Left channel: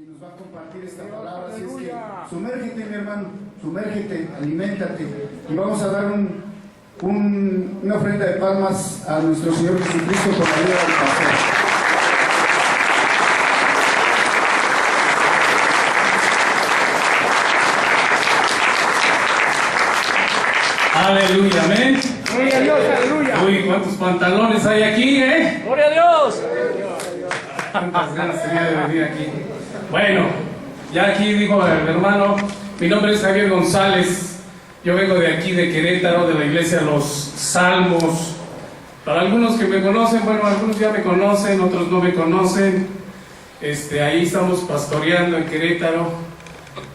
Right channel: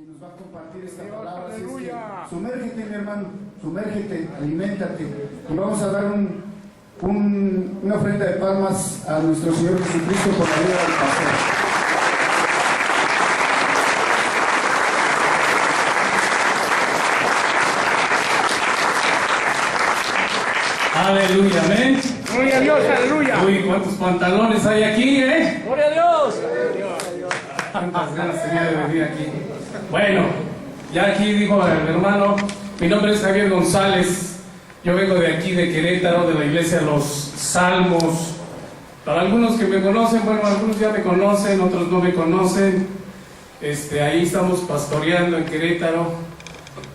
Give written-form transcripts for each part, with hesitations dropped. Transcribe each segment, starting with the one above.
quien nos va a compartir esta palabra. Así es que sumérgete, mi hermano, sumérgete, aliméntate, y vamos a dar una ofrenda de palmas a nuestro Señor Jesucristo por la vida del pastor. Aleluya, amén. Gloria a Dios, aleluya. Uy, cuántos pantalones hay aquí, ¿eh? Gloria a Dios. Cuántas ganas tenía de venir aquí. Bueno, ya aquí dijo el hermano, mi nombre es Javier González. Yo vengo de aquí, de Querétaro, de la iglesia Los Salmos. Para algunos que me conocen, bueno, algunos ya me conocen, otros no me conocen. Ahí estamos pastoreando en Querétaro.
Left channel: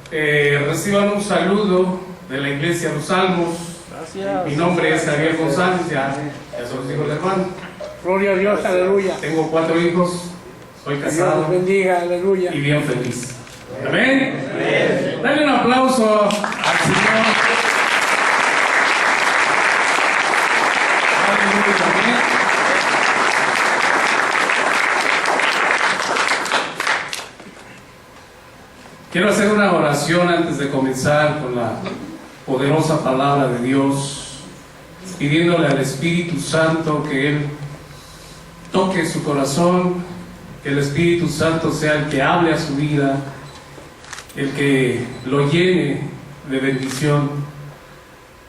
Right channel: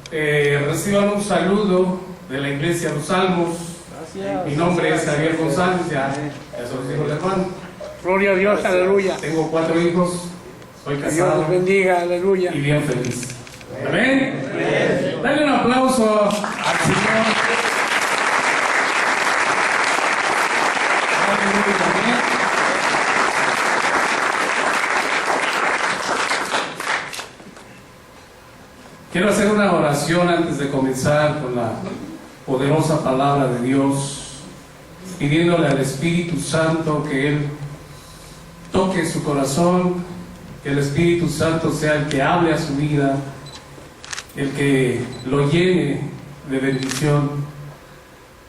Reciban un saludo de la iglesia Los Salmos. Gracias. Mi nombre es Javier González, ya se los dijo el hermano. Gloria a Dios, aleluya. Tengo 4 hijos, soy Dios casado los bendiga, aleluya. y bien feliz. Amén. Dale un aplauso al Señor. Aleluya, amén. Quiero hacer una oración antes de comenzar con la poderosa palabra de Dios, pidiéndole al Espíritu Santo que Él toque su corazón, que el Espíritu Santo sea el que hable a su vida, el que lo llene de bendición.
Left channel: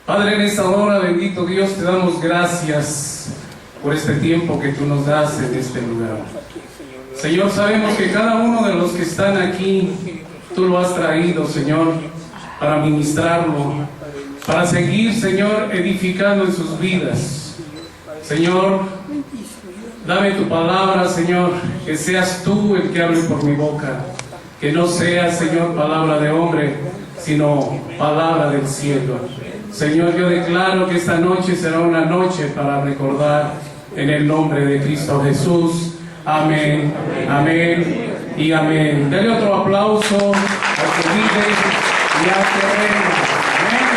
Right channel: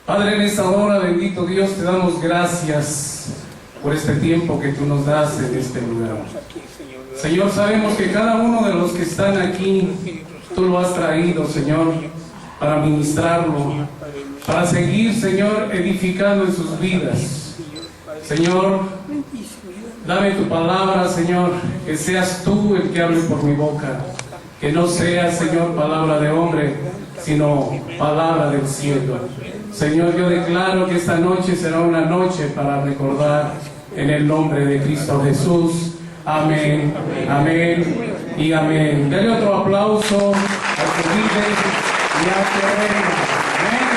Padre, en esta hora, bendito Dios, te damos gracias por este tiempo que tú nos das en este lugar. Señor, sabemos que cada uno de los que están aquí, tú lo has traído, Señor, para ministrarlo, para seguir, Señor, edificando en sus vidas. Señor, dame tu palabra, Señor, que seas tú el que hable por mi boca, que no sea, Señor, palabra de hombre, sino palabra del cielo. Señor, yo declaro que esta noche será una noche para recordar en el nombre de Cristo Jesús. Amén, amén y amén. Dale otro aplauso al que vive y al que reina. Amén.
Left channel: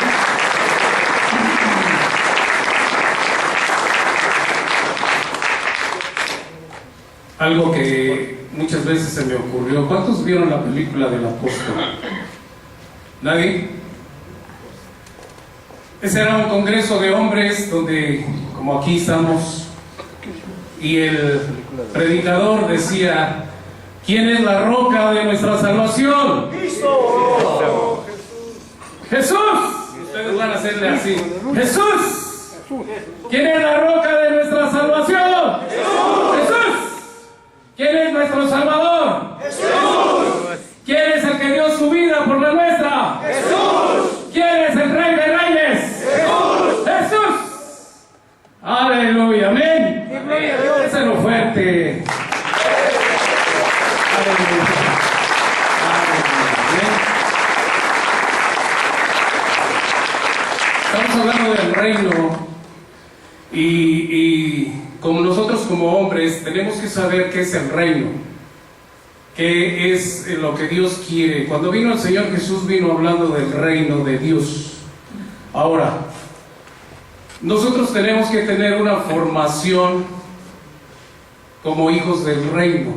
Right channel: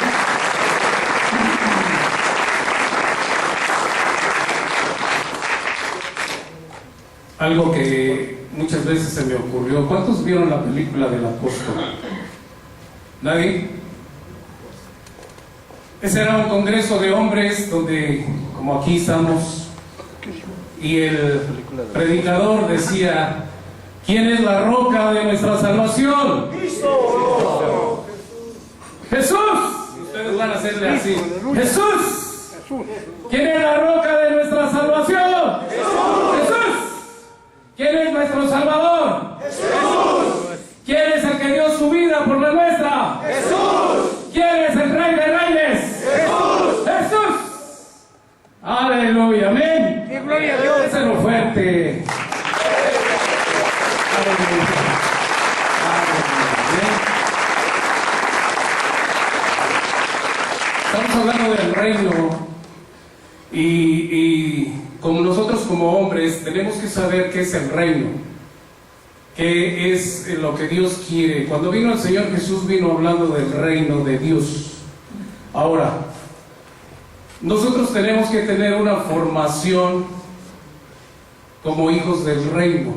Algo que muchas veces se me ocurrió. ¿Cuántos vieron la película del apóstol? ¿Nadie? Ese era un congreso de hombres donde, como aquí estamos, y el predicador decía: ¿quién es la roca de nuestra salvación? ¡Cristo! ¡Jesús! Ustedes van a hacerle así: ¡Jesús! ¿Quién es la roca de nuestra salvación? ¡Jesús! ¡Jesús! ¿Quién es nuestro Salvador? ¡Jesús! ¿Quién es el que dio su vida por la nuestra? ¡Jesús! ¿Quién es el Rey de Reyes? ¡Jesús! ¡Jesús! ¡Aleluya! ¡Amén! ¡Qué gloria a Dios! ¡Déselo fuerte! ¡Aleluya! Estamos hablando del reino y como nosotros como hombres tenemos que saber qué es el reino, qué es lo que Dios quiere. Cuando vino el Señor Jesús, vino hablando del reino de Dios. Ahora, nosotros tenemos que tener una formación como hijos del reino.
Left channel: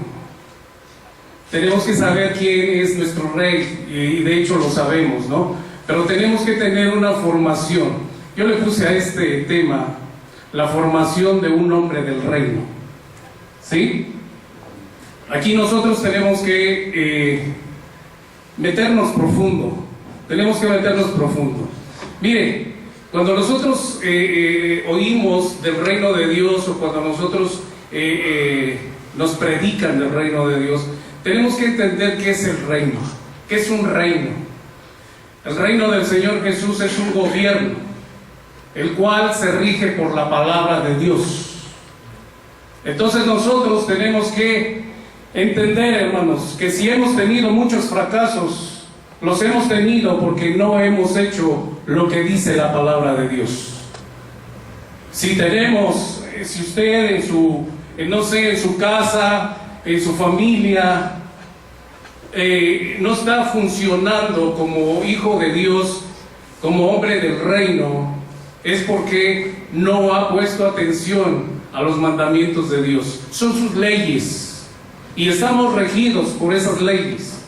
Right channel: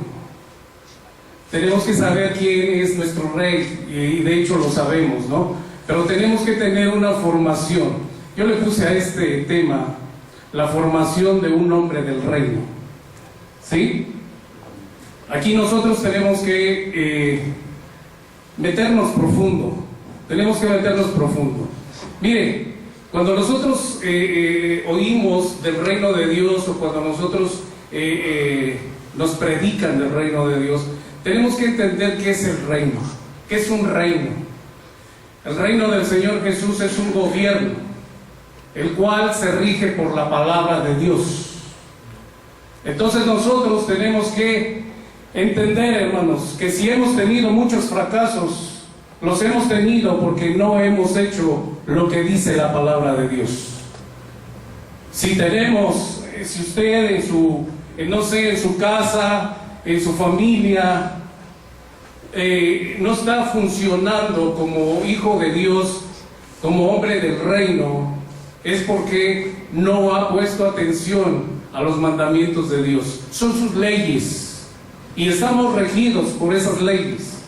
Tenemos que saber quién es nuestro rey, y de hecho lo sabemos, ¿no? Pero tenemos que tener una formación. Yo le puse a este tema la formación de un hombre del reino. ¿Sí? Aquí nosotros tenemos que meternos profundo. Tenemos que meternos profundo. Mire, cuando nosotros oímos del reino de Dios, o cuando nosotros nos predican del reino de Dios, tenemos que entender qué es el reino. ¿Qué es un reino? El reino del Señor Jesús es un gobierno, el cual se rige por la palabra de Dios. Entonces nosotros tenemos que entender, hermanos, que si hemos tenido muchos fracasos, los hemos tenido porque no hemos hecho lo que dice la palabra de Dios. Si tenemos, si usted en su, no sé, en su casa, en su familia, no está funcionando como hijo de Dios, como hombre del reino, es porque no ha puesto atención a los mandamientos de Dios. Son sus leyes y estamos regidos por esas leyes.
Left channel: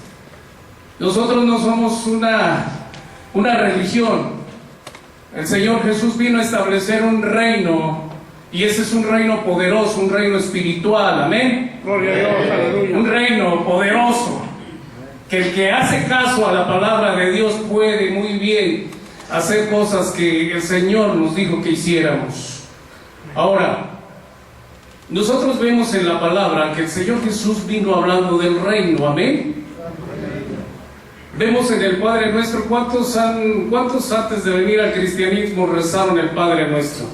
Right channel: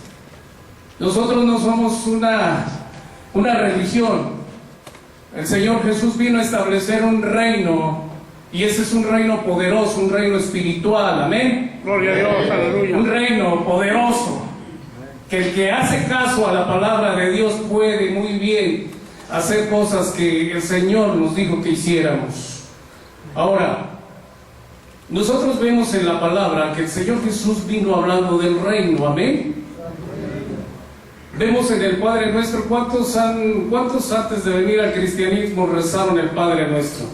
Nosotros no somos una religión. El Señor Jesús vino a establecer un reino, y ese es un reino poderoso, un reino espiritual, amén. Gloria a Dios, aleluya. Un reino poderoso, que el que hace caso a la palabra de Dios puede muy bien hacer cosas que el Señor nos dijo que hiciéramos. Ahora, nosotros vemos en la palabra que el Señor Jesús vino hablando del reino, amén. Vemos en el Padre Nuestro, ¿cuántos antes de venir al cristianismo rezaron el Padre Nuestro?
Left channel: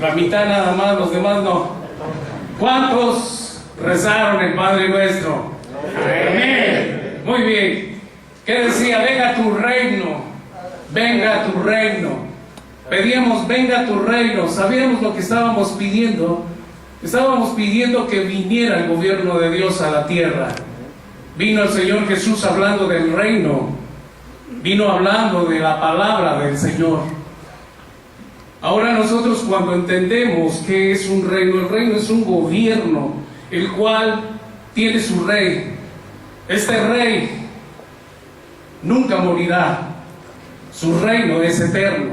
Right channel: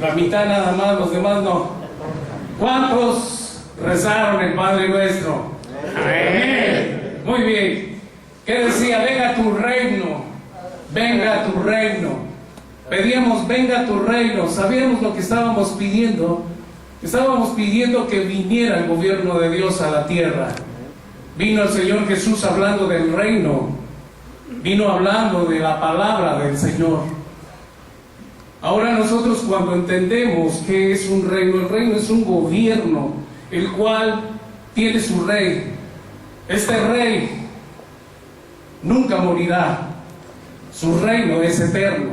La mitad nada más, los demás no. ¿Cuántos rezaron el Padre Nuestro? Amén. Muy bien. ¿Qué decía? Venga tu reino, venga tu reino. Pedíamos, venga tu reino. Sabíamos lo que estábamos pidiendo. Estábamos pidiendo que viniera el gobierno de Dios a la tierra. Vino el Señor Jesús hablando del reino. Vino hablando de la palabra del Señor. Ahora nosotros, cuando entendemos que es un reino, el reino es un gobierno, el cual tiene su rey. Este rey nunca morirá. Su reino es eterno.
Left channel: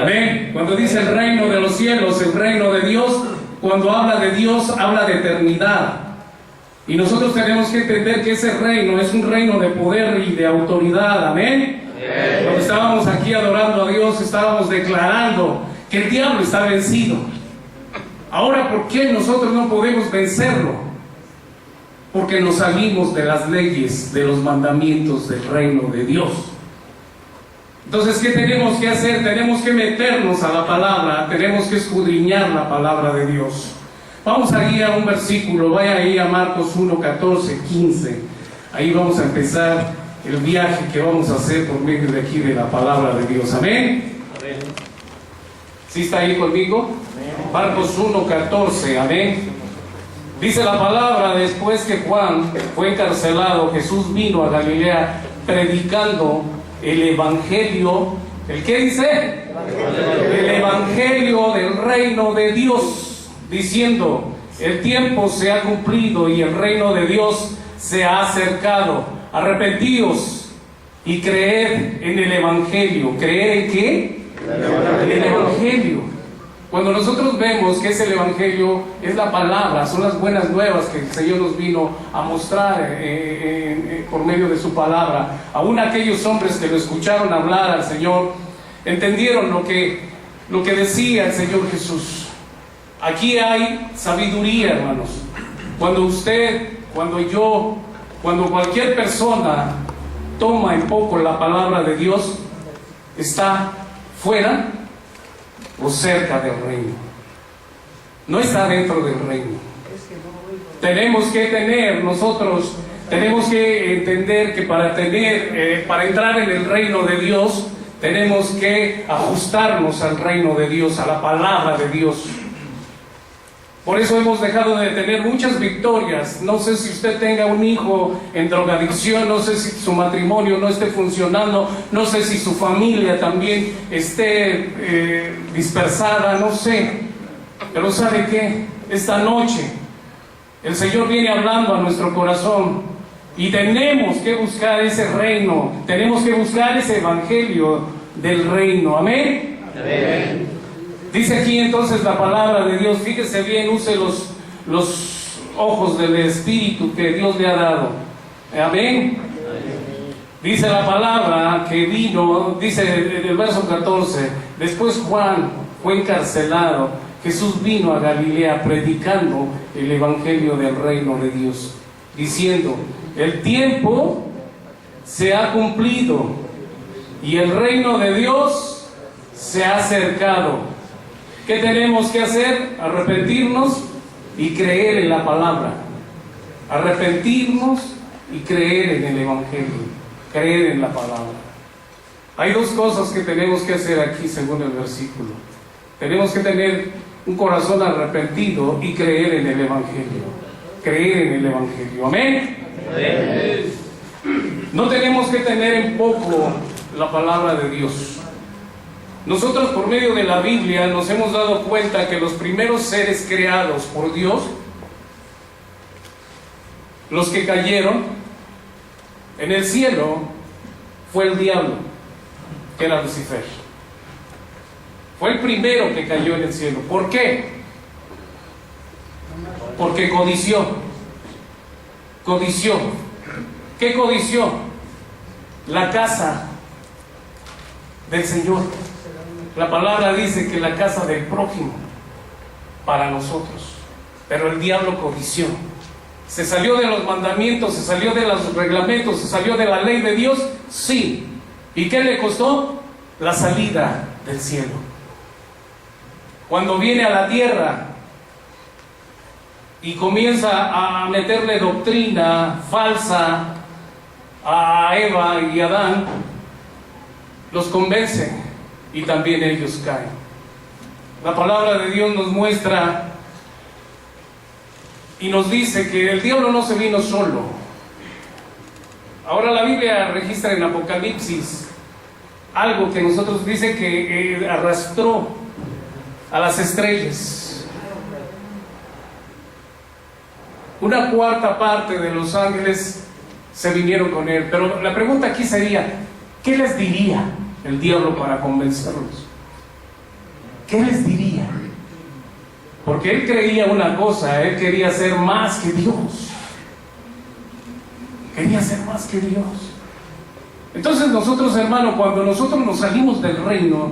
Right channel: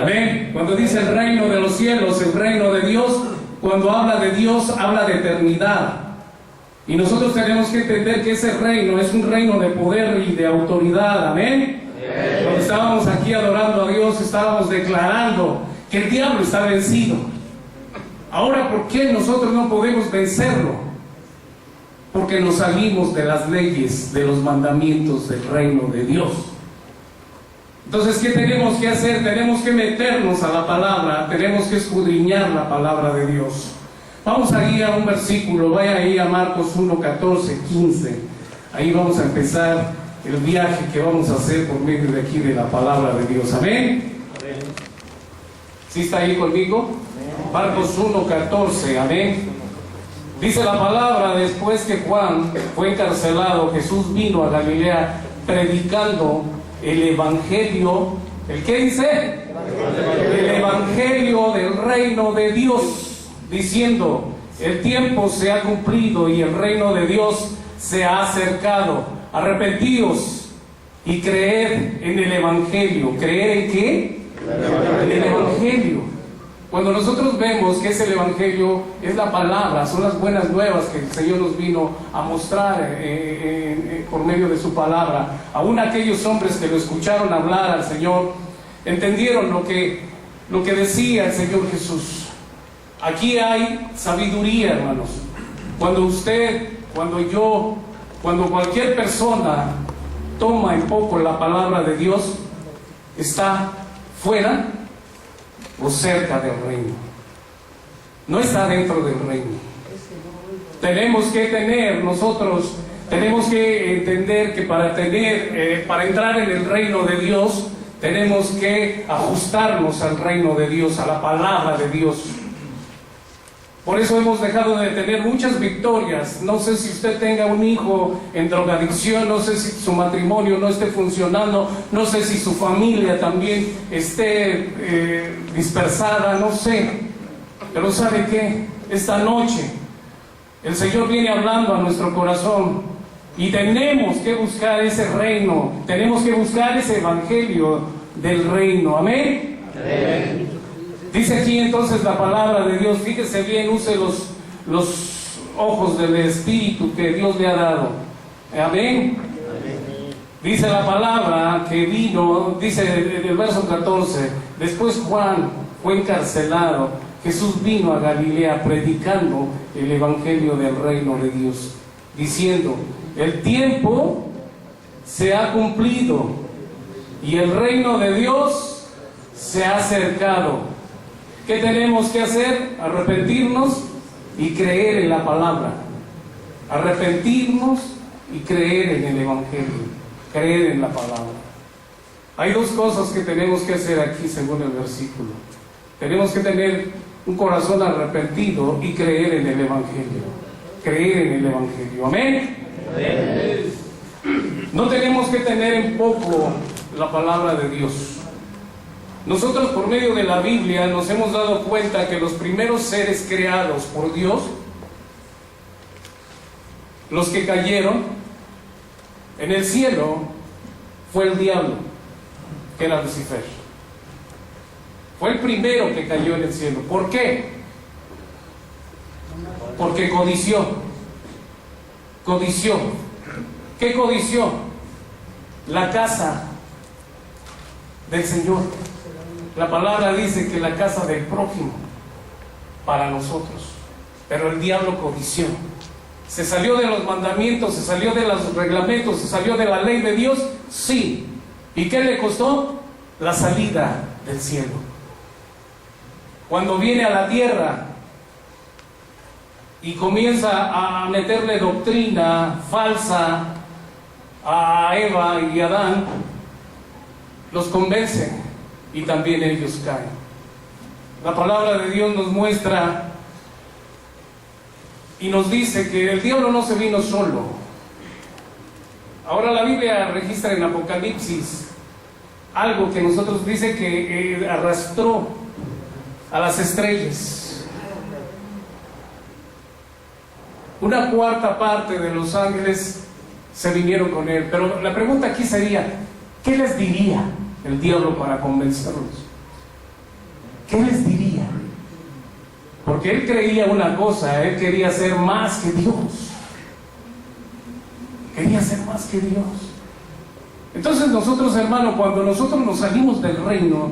Amén. Cuando dice el reino de los cielos, el reino de Dios, cuando habla de Dios, habla de eternidad. Y nosotros tenemos que entender que ese reino es un reino de poder y de autoridad. Amén. Cuando estábamos aquí adorando a Dios, estábamos declarando que el diablo está vencido. Ahora, ¿por qué nosotros no podemos vencerlo? Porque nos salimos de las leyes, de los mandamientos del reino de Dios. Entonces, ¿qué tenemos que hacer? Tenemos que meternos a la palabra, tenemos que escudriñar la palabra de Dios. Vamos a ir a un versículo, vaya ahí a Marcos 1, 14, 15. Ahí vamos a empezar el viaje que vamos a hacer por medio de aquí de la palabra de Dios. Amén. ¿Sí está ahí conmigo? Amén. Marcos 1, 14. Amén. Dice la palabra: después que Juan fue encarcelado, Jesús vino a Galilea predicando el evangelio. ¿El qué dice? El evangelio del reino de Dios, diciendo: el tiempo se ha cumplido y el reino de Dios se ha acercado. Arrepentíos y creed en el evangelio. ¿Creer en qué? En el evangelio. Cuando nosotros vemos que es el evangelio, es la palabra, son las buenas nuevas que el Señor nos vino a mostrar por medio de su palabra. Aún aquellos hombres que lo escucharon hablar al Señor entendieron lo que decía el Señor Jesús. Aquí hay sabiduría, hermanos. Cuando usted, cuando yo, cuando cualquier persona toma en poco la palabra de Dios, está fuera o cerca del reino. No está dentro del reino. Tenemos que entender que para entrar en el reino de Dios, tenemos que ajustarnos al reino de Dios, a la palabra de Dios. Por eso hemos dejado de tener muchas victorias. No sé si usted tenga un hijo en drogadicción, no sé si su matrimonio no esté funcionando, no sé si su familia también esté dispersada, no sé. Pero ¿sabe qué? Esta noche el Señor viene hablando a nuestro corazón y tenemos que buscar ese reino, tenemos que buscar ese evangelio del reino. Amén. Amén. Dice aquí entonces la palabra de Dios, fíjese bien, use los ojos del Espíritu que Dios le ha dado. Amén. Dice la palabra que vino, dice en el verso 14, después Juan fue encarcelado, Jesús vino a Galilea predicando el evangelio del reino de Dios, diciendo: el tiempo se ha cumplido y el reino de Dios se ha acercado. ¿Qué tenemos que hacer? Arrepentirnos y creer en la palabra. Arrepentirnos y creer en el evangelio. Creer en la palabra. Hay dos cosas que tenemos que hacer aquí según el versículo. Tenemos que tener un corazón arrepentido y creer en el evangelio. Creer en el evangelio. Amén. Amén. No tenemos que tener en poco la palabra de Dios. Nosotros, por medio de la Biblia, nos hemos dado cuenta que los primeros seres creados por Dios los que cayeron en el cielo fue el diablo, que era Lucifer. Fue el primero que cayó en el cielo. ¿Por qué? Porque codició. Codició. ¿Qué codició? La casa del Señor. La palabra dice que la casa del prójimo para nosotros. Pero el diablo codició. ¿Se salió de los mandamientos? ¿Se salió de los reglamentos? ¿Se salió de la ley de Dios? Sí. ¿Y qué le costó? La salida del cielo. Cuando viene a la tierra y comienza a meterle doctrina falsa a Eva y Adán, los convence y también ellos caen. La palabra de Dios nos muestra y nos dice que el diablo no se vino solo. Ahora la Biblia registra en Apocalipsis algo que nosotros dice que arrastró a las estrellas. Una cuarta parte de los ángeles se vinieron con él. Pero la pregunta aquí sería, ¿qué les diría el diablo para convencerlos? ¿Qué les diría? Porque él creía una cosa, él quería ser más que Dios. Quería ser más que Dios. Entonces nosotros, hermanos, cuando nosotros nos salimos del reino,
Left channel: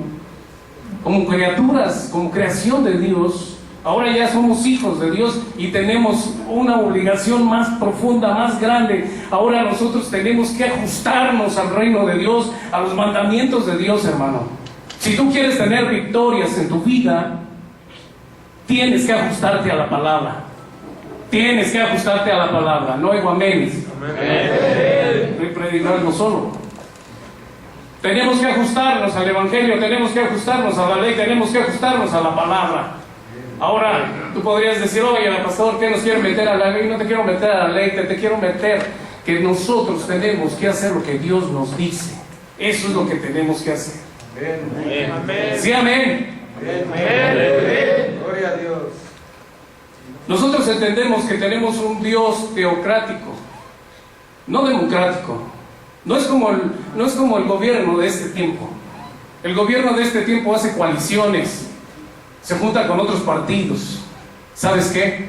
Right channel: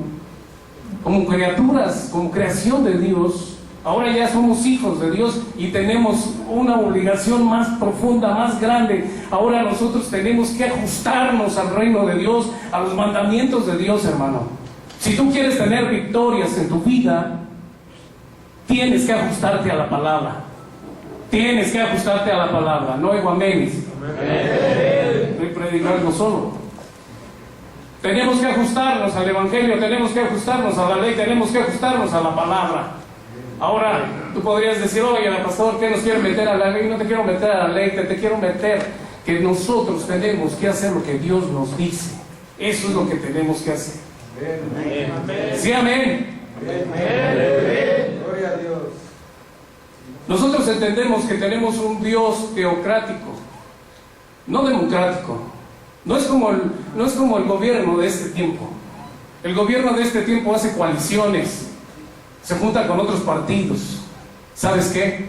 como criaturas, como creación de Dios, ahora ya somos hijos de Dios y tenemos una obligación más profunda, más grande. Ahora nosotros tenemos que ajustarnos al reino de Dios, a los mandamientos de Dios, hermano. Si tú quieres tener victorias en tu vida, tienes que ajustarte a la palabra. Tienes que ajustarte a la palabra. No oigo aménes. No hay predicarlo solo. Tenemos que ajustarnos al Evangelio, tenemos que ajustarnos a la ley, tenemos que ajustarnos a la palabra. Ahora, tú podrías decir, oye, pastor, ¿qué nos quiere meter a la ley? No te quiero meter a la ley, te quiero meter que nosotros tenemos que hacer lo que Dios nos dice. Eso es lo que tenemos que hacer. Amén. Sí, amén. Amén. Gloria a Dios. Nosotros entendemos que tenemos un Dios teocrático, no democrático. No es como el gobierno de este tiempo. El gobierno de este tiempo hace coaliciones, se junta con otros partidos. ¿Sabes qué?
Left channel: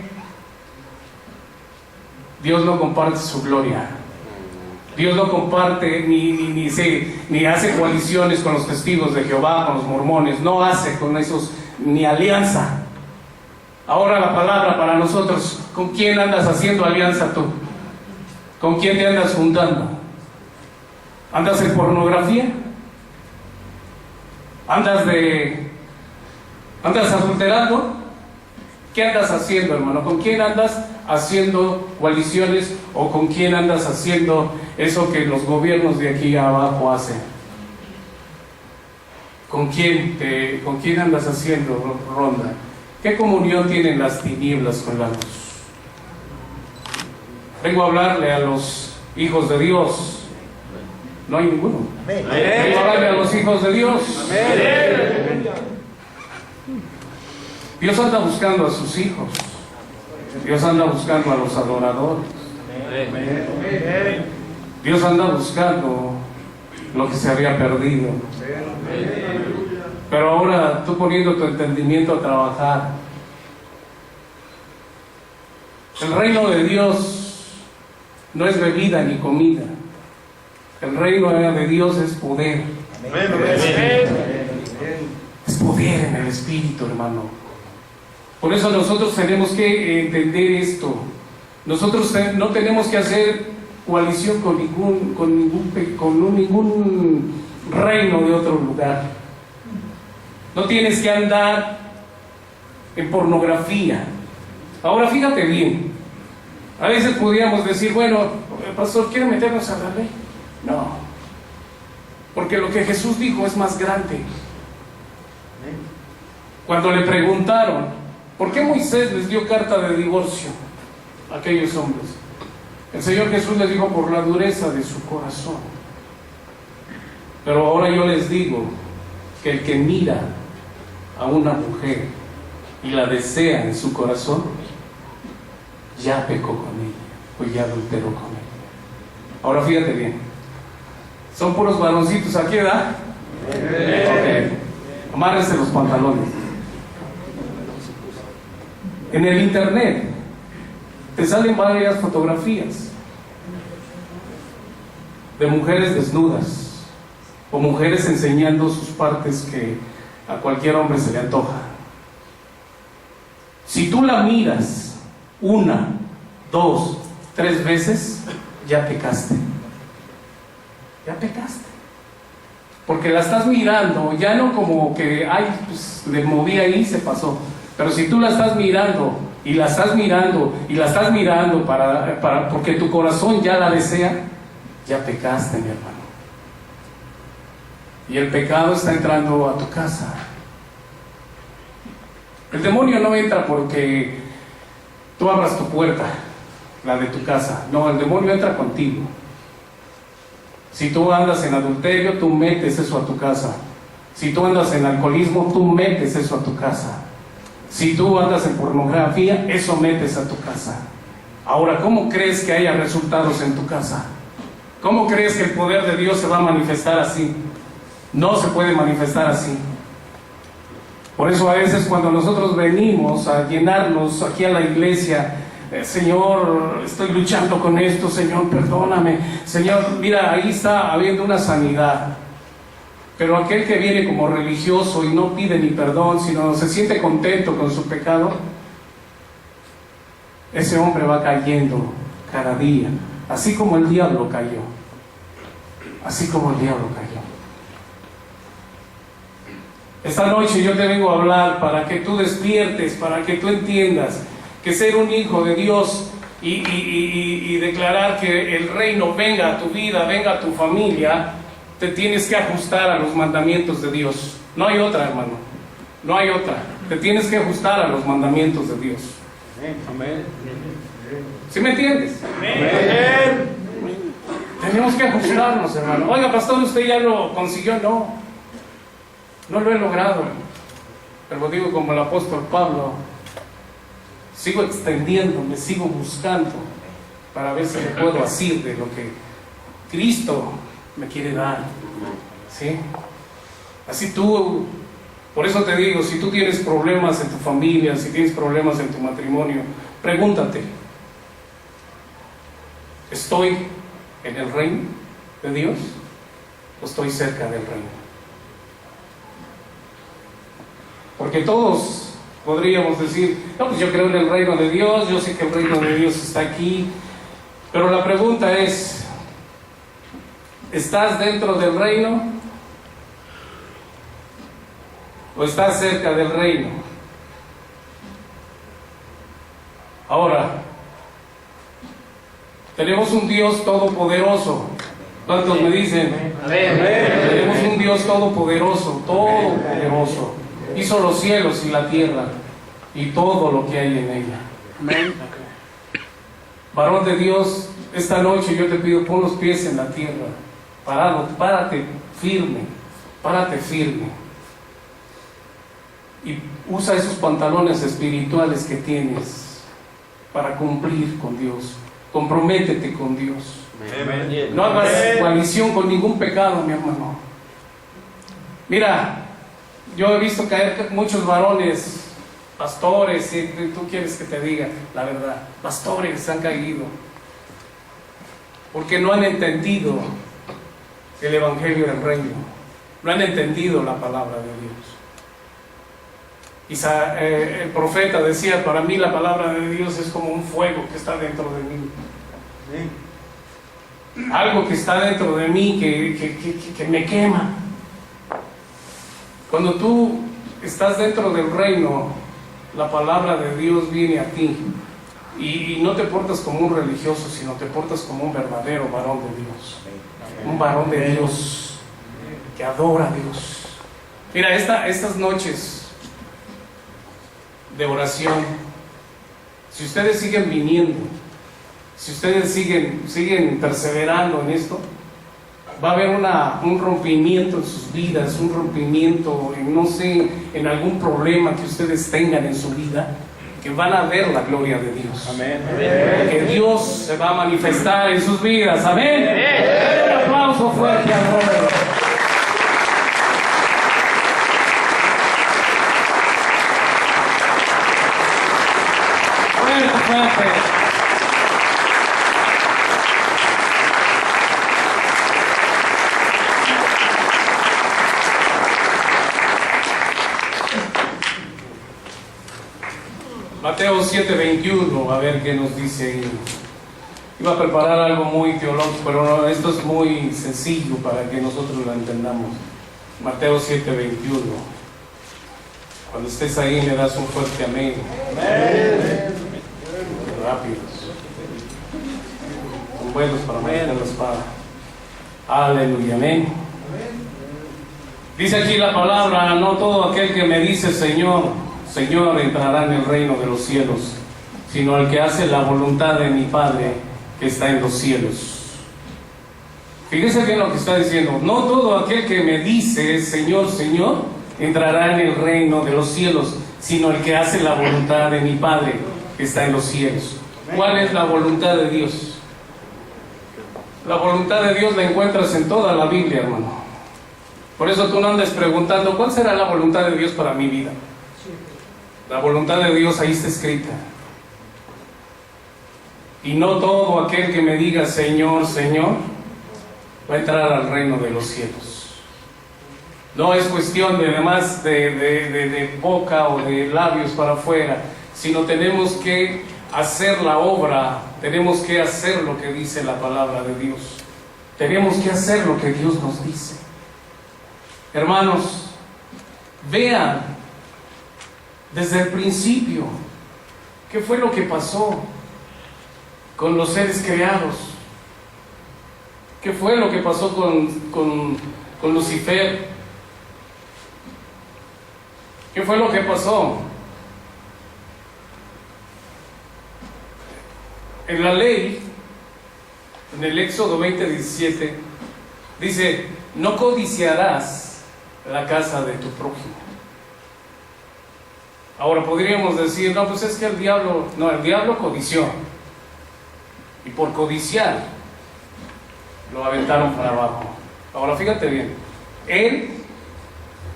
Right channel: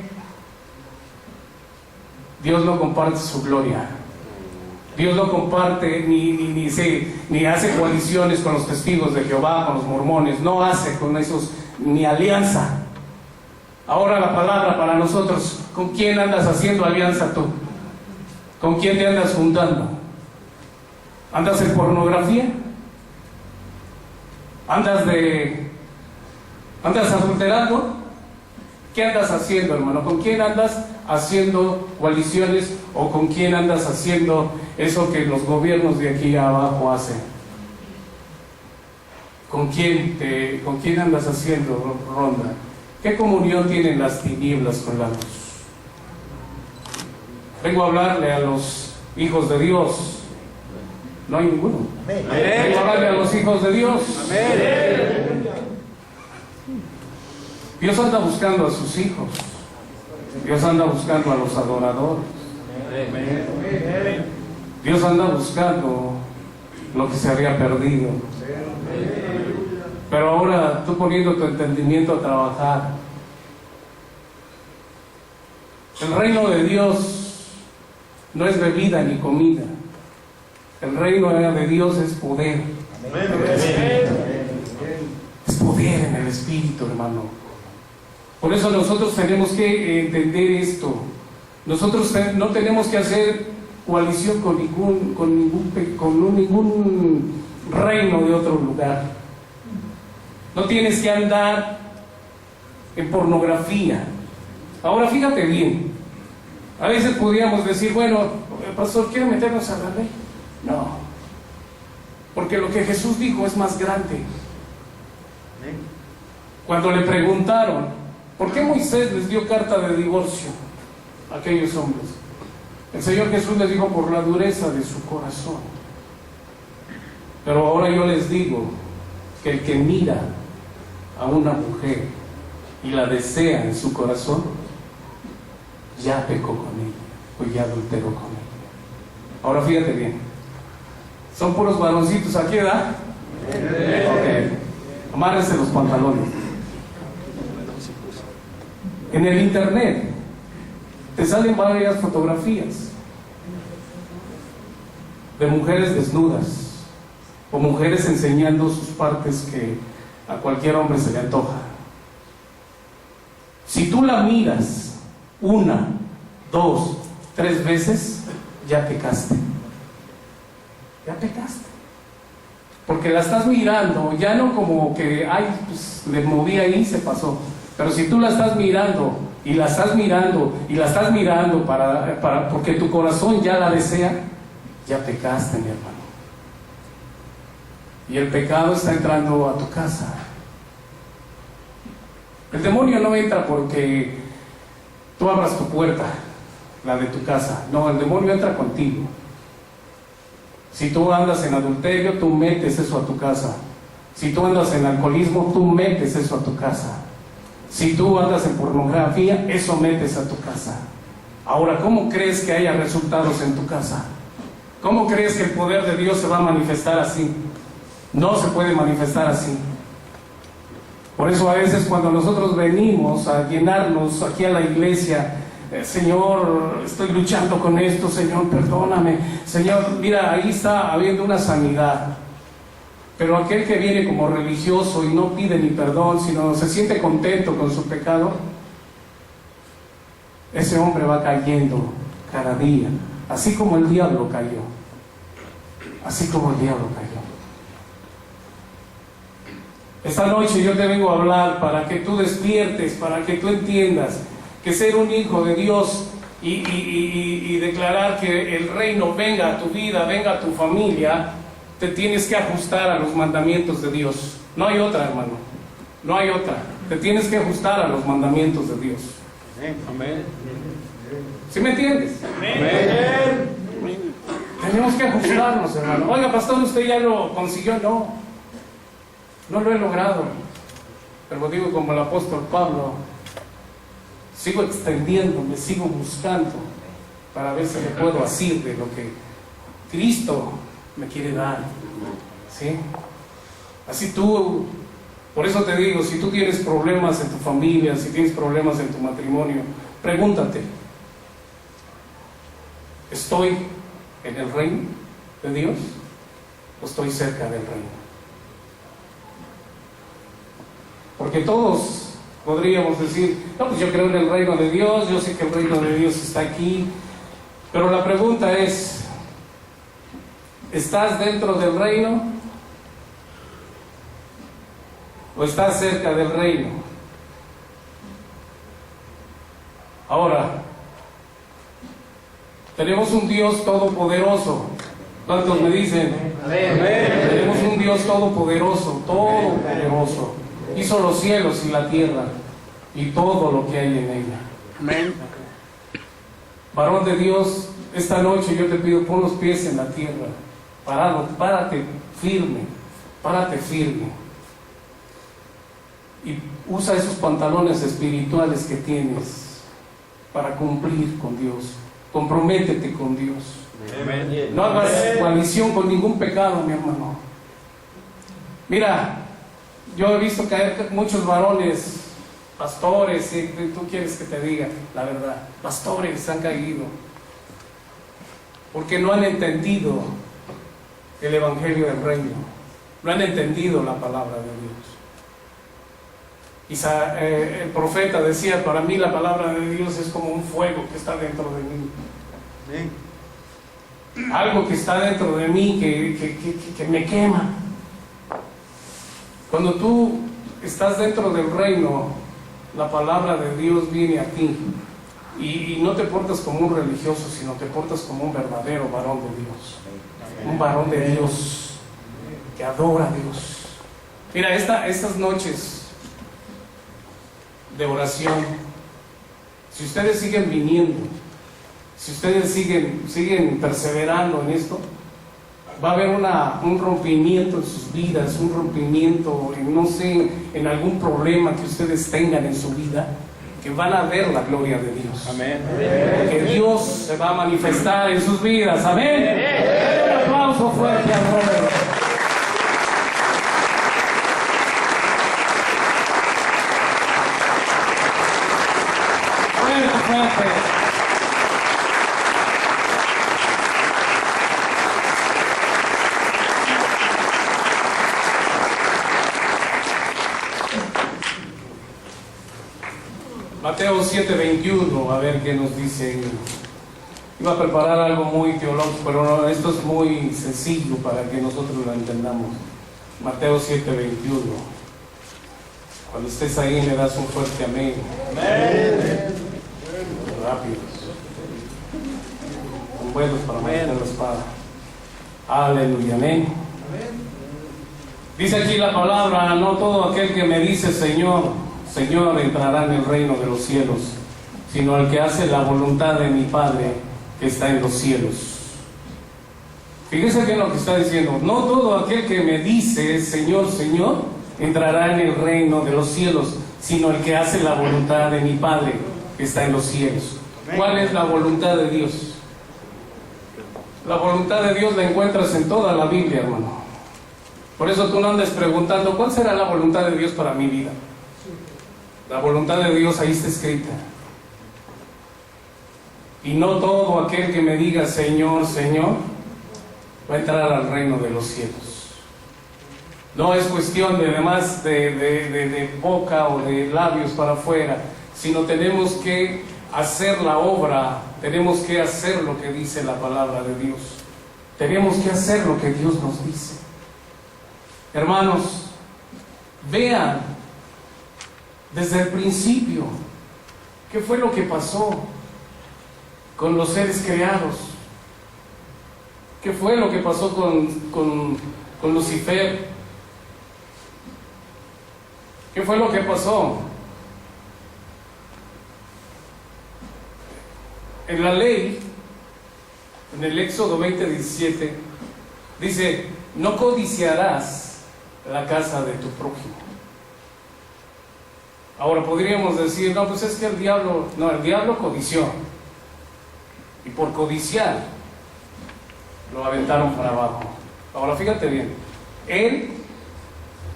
Dios no comparte su gloria. Dios no comparte ni hace coaliciones con los testigos de Jehová, con los mormones. No hace con esos ni alianza. Ahora la palabra para nosotros, ¿con quién andas haciendo alianza tú? ¿Con quién te andas juntando? ¿Andas en pornografía? ¿Andas adulterando? ¿Qué andas haciendo, hermano? ¿Con quién andas haciendo coaliciones o con quién andas haciendo eso que los gobiernos de aquí abajo hacen? ¿Con quién andas haciendo ronda? ¿Qué comunión tienen las tinieblas con la luz? Vengo a hablarle a los hijos de Dios. No hay ninguno. Vengo a hablarle a los hijos de Dios. Amén. Dios anda buscando a sus hijos. Dios anda buscando a los adoradores. Dios anda buscando lo que se había perdido. Pero ahora tú poniendo tu entendimiento a trabajar. El reino de Dios no es bebida ni comida. El reino de Dios es poder. Es poder en el Espíritu, hermano. Por eso nosotros tenemos que entender esto. Nosotros no tenemos que hacer coalición con ningún reino de otro lugar. No tienes que andar en pornografía. Ahora fíjate bien. A veces podríamos decir, bueno, pastor, ¿quiere meternos a la ley? No. Porque lo que Jesús dijo es más grande. Cuando le preguntaron, ¿por qué Moisés les dio carta de divorcio a aquellos hombres? El Señor Jesús les dijo, por la dureza de su corazón. Pero ahora yo les digo que el que mira a una mujer y la desea en su corazón, ya pecó con ella. pues ya adulteró con él. Ahora fíjate bien, son puros varoncitos aquí, ¿verdad? Ok, amárrense los pantalones. En el internet te salen varias fotografías de mujeres desnudas o mujeres enseñando sus partes que a cualquier hombre se le antoja. Si tú la miras 1, 2, 3 veces, ya pecaste. Ya pecaste. Porque la estás mirando, ya no como que, ay, pues le moví ahí y se pasó. Pero si tú la estás mirando, y la estás mirando, y la estás mirando porque tu corazón ya la desea, ya pecaste, mi hermano. Y el pecado está entrando a tu casa. El demonio no entra porque tú abras tu puerta, la de tu casa. No, el demonio entra contigo. Si tú andas en adulterio, tú metes eso a tu casa. Si tú andas en alcoholismo, tú metes eso a tu casa. Si tú andas en pornografía, eso metes a tu casa. Ahora, ¿cómo crees que haya resultados en tu casa? ¿Cómo crees que el poder de Dios se va a manifestar así? No se puede manifestar así. Por eso a veces cuando nosotros venimos a llenarnos aquí a la iglesia, Señor, estoy luchando con esto, Señor, perdóname. Señor, mira, ahí está habiendo una sanidad. Pero aquel que viene como religioso y no pide ni perdón, sino se siente contento con su pecado, ese hombre va cayendo cada día, así como el diablo cayó. Así como el diablo cayó. Esta noche yo te vengo a hablar para que tú despiertes, para que tú entiendas que ser un hijo de Dios y declarar que el reino venga a tu vida, venga a tu familia, te tienes que ajustar a los mandamientos de Dios. No hay otra, hermano. No hay otra. Te tienes que ajustar a los mandamientos de Dios. Amén. ¿Sí me entiendes? Amén. Tenemos que ajustarnos, hermano. Oiga, pastor, ¿usted ya lo consiguió? No. No lo he logrado. Pero digo como el apóstol Pablo, sigo extendiéndome, sigo buscando para ver si me puedo asir de lo que Cristo me quiere dar. ¿Sí? Así tú, por eso te digo, si tú tienes problemas en tu familia, si tienes problemas en tu matrimonio, pregúntate, ¿estoy en el reino de Dios o estoy cerca del reino? Porque todos podríamos decir, no, pues yo creo en el reino de Dios, yo sé que el reino de Dios está aquí, pero la pregunta es, ¿estás dentro del reino o estás cerca del reino? Ahora, tenemos un Dios todopoderoso. ¿Cuántos me dicen? Amén. Tenemos un Dios todopoderoso, todopoderoso. Hizo los cielos y la tierra y todo lo que hay en ella. Amén. Varón de Dios, esta noche yo te pido, pon los pies en la tierra. Parado, párate firme, párate firme. Y usa esos pantalones espirituales que tienes para cumplir con Dios. Comprométete con Dios. No hagas coalición con ningún pecado, mi hermano. Mira, yo he visto caer muchos varones, pastores, si tú quieres que te diga la verdad, pastores han caído porque no han entendido el evangelio del reino, no han entendido la palabra de Dios. El profeta decía, para mí la palabra de Dios es como un fuego que está dentro de mí. Algo que está dentro de mí que me quema. Cuando tú estás dentro del reino, la palabra de Dios viene a ti y no te portas como un religioso, sino te portas como un verdadero varón de Dios. Un varón de Dios que adora a Dios. Mira, estas noches de oración, si ustedes siguen viniendo, si ustedes siguen perseverando en esto, va a haber un rompimiento en sus vidas, un rompimiento en, no sé, en algún problema que ustedes tengan en su vida. que van a ver la gloria de Dios. Amén. Que Dios se va a manifestar en sus vidas. Amén. Un aplauso fuerte al Robert. Fuerte, fuerte. Mateo 7:21, a ver qué nos dice ahí. Iba a preparar algo muy teológico, pero no, esto es muy sencillo para que nosotros lo entendamos. Mateo 7:21. Cuando estés ahí me das un fuerte amén. Amén. Rápidos. Con vuelos para meter la espada. Aleluya, amén. Dice aquí la palabra: no todo aquel que me dice Señor, Señor, entrará en el reino de los cielos, sino el que hace la voluntad de mi Padre que está en los cielos. Fíjese bien lo que está diciendo. No todo aquel que me dice Señor, Señor, entrará en el reino de los cielos, sino el que hace la voluntad de mi Padre que está en los cielos. ¿Cuál es la voluntad de Dios? La voluntad de Dios la encuentras en toda la Biblia, hermano. Por eso tú no andes preguntando ¿cuál será la voluntad de Dios para mi vida? La voluntad de Dios ahí está escrita. Y no todo aquel que me diga Señor, Señor, va a entrar al reino de los cielos. No es cuestión de además de boca o de labios para afuera, sino tenemos que hacer la obra, tenemos que hacer lo que dice la palabra de Dios. Tenemos que hacer lo que Dios nos dice. Hermanos, vean desde el principio qué fue lo que pasó con los seres creados. ¿Qué fue lo que pasó con Lucifer? ¿Qué fue lo que pasó? En la ley, en el Éxodo 20:17, dice: no codiciarás la casa de tu prójimo. Ahora podríamos decir, no, pues es que el diablo codició. Y por codiciar, lo aventaron para abajo. Ahora fíjate bien, él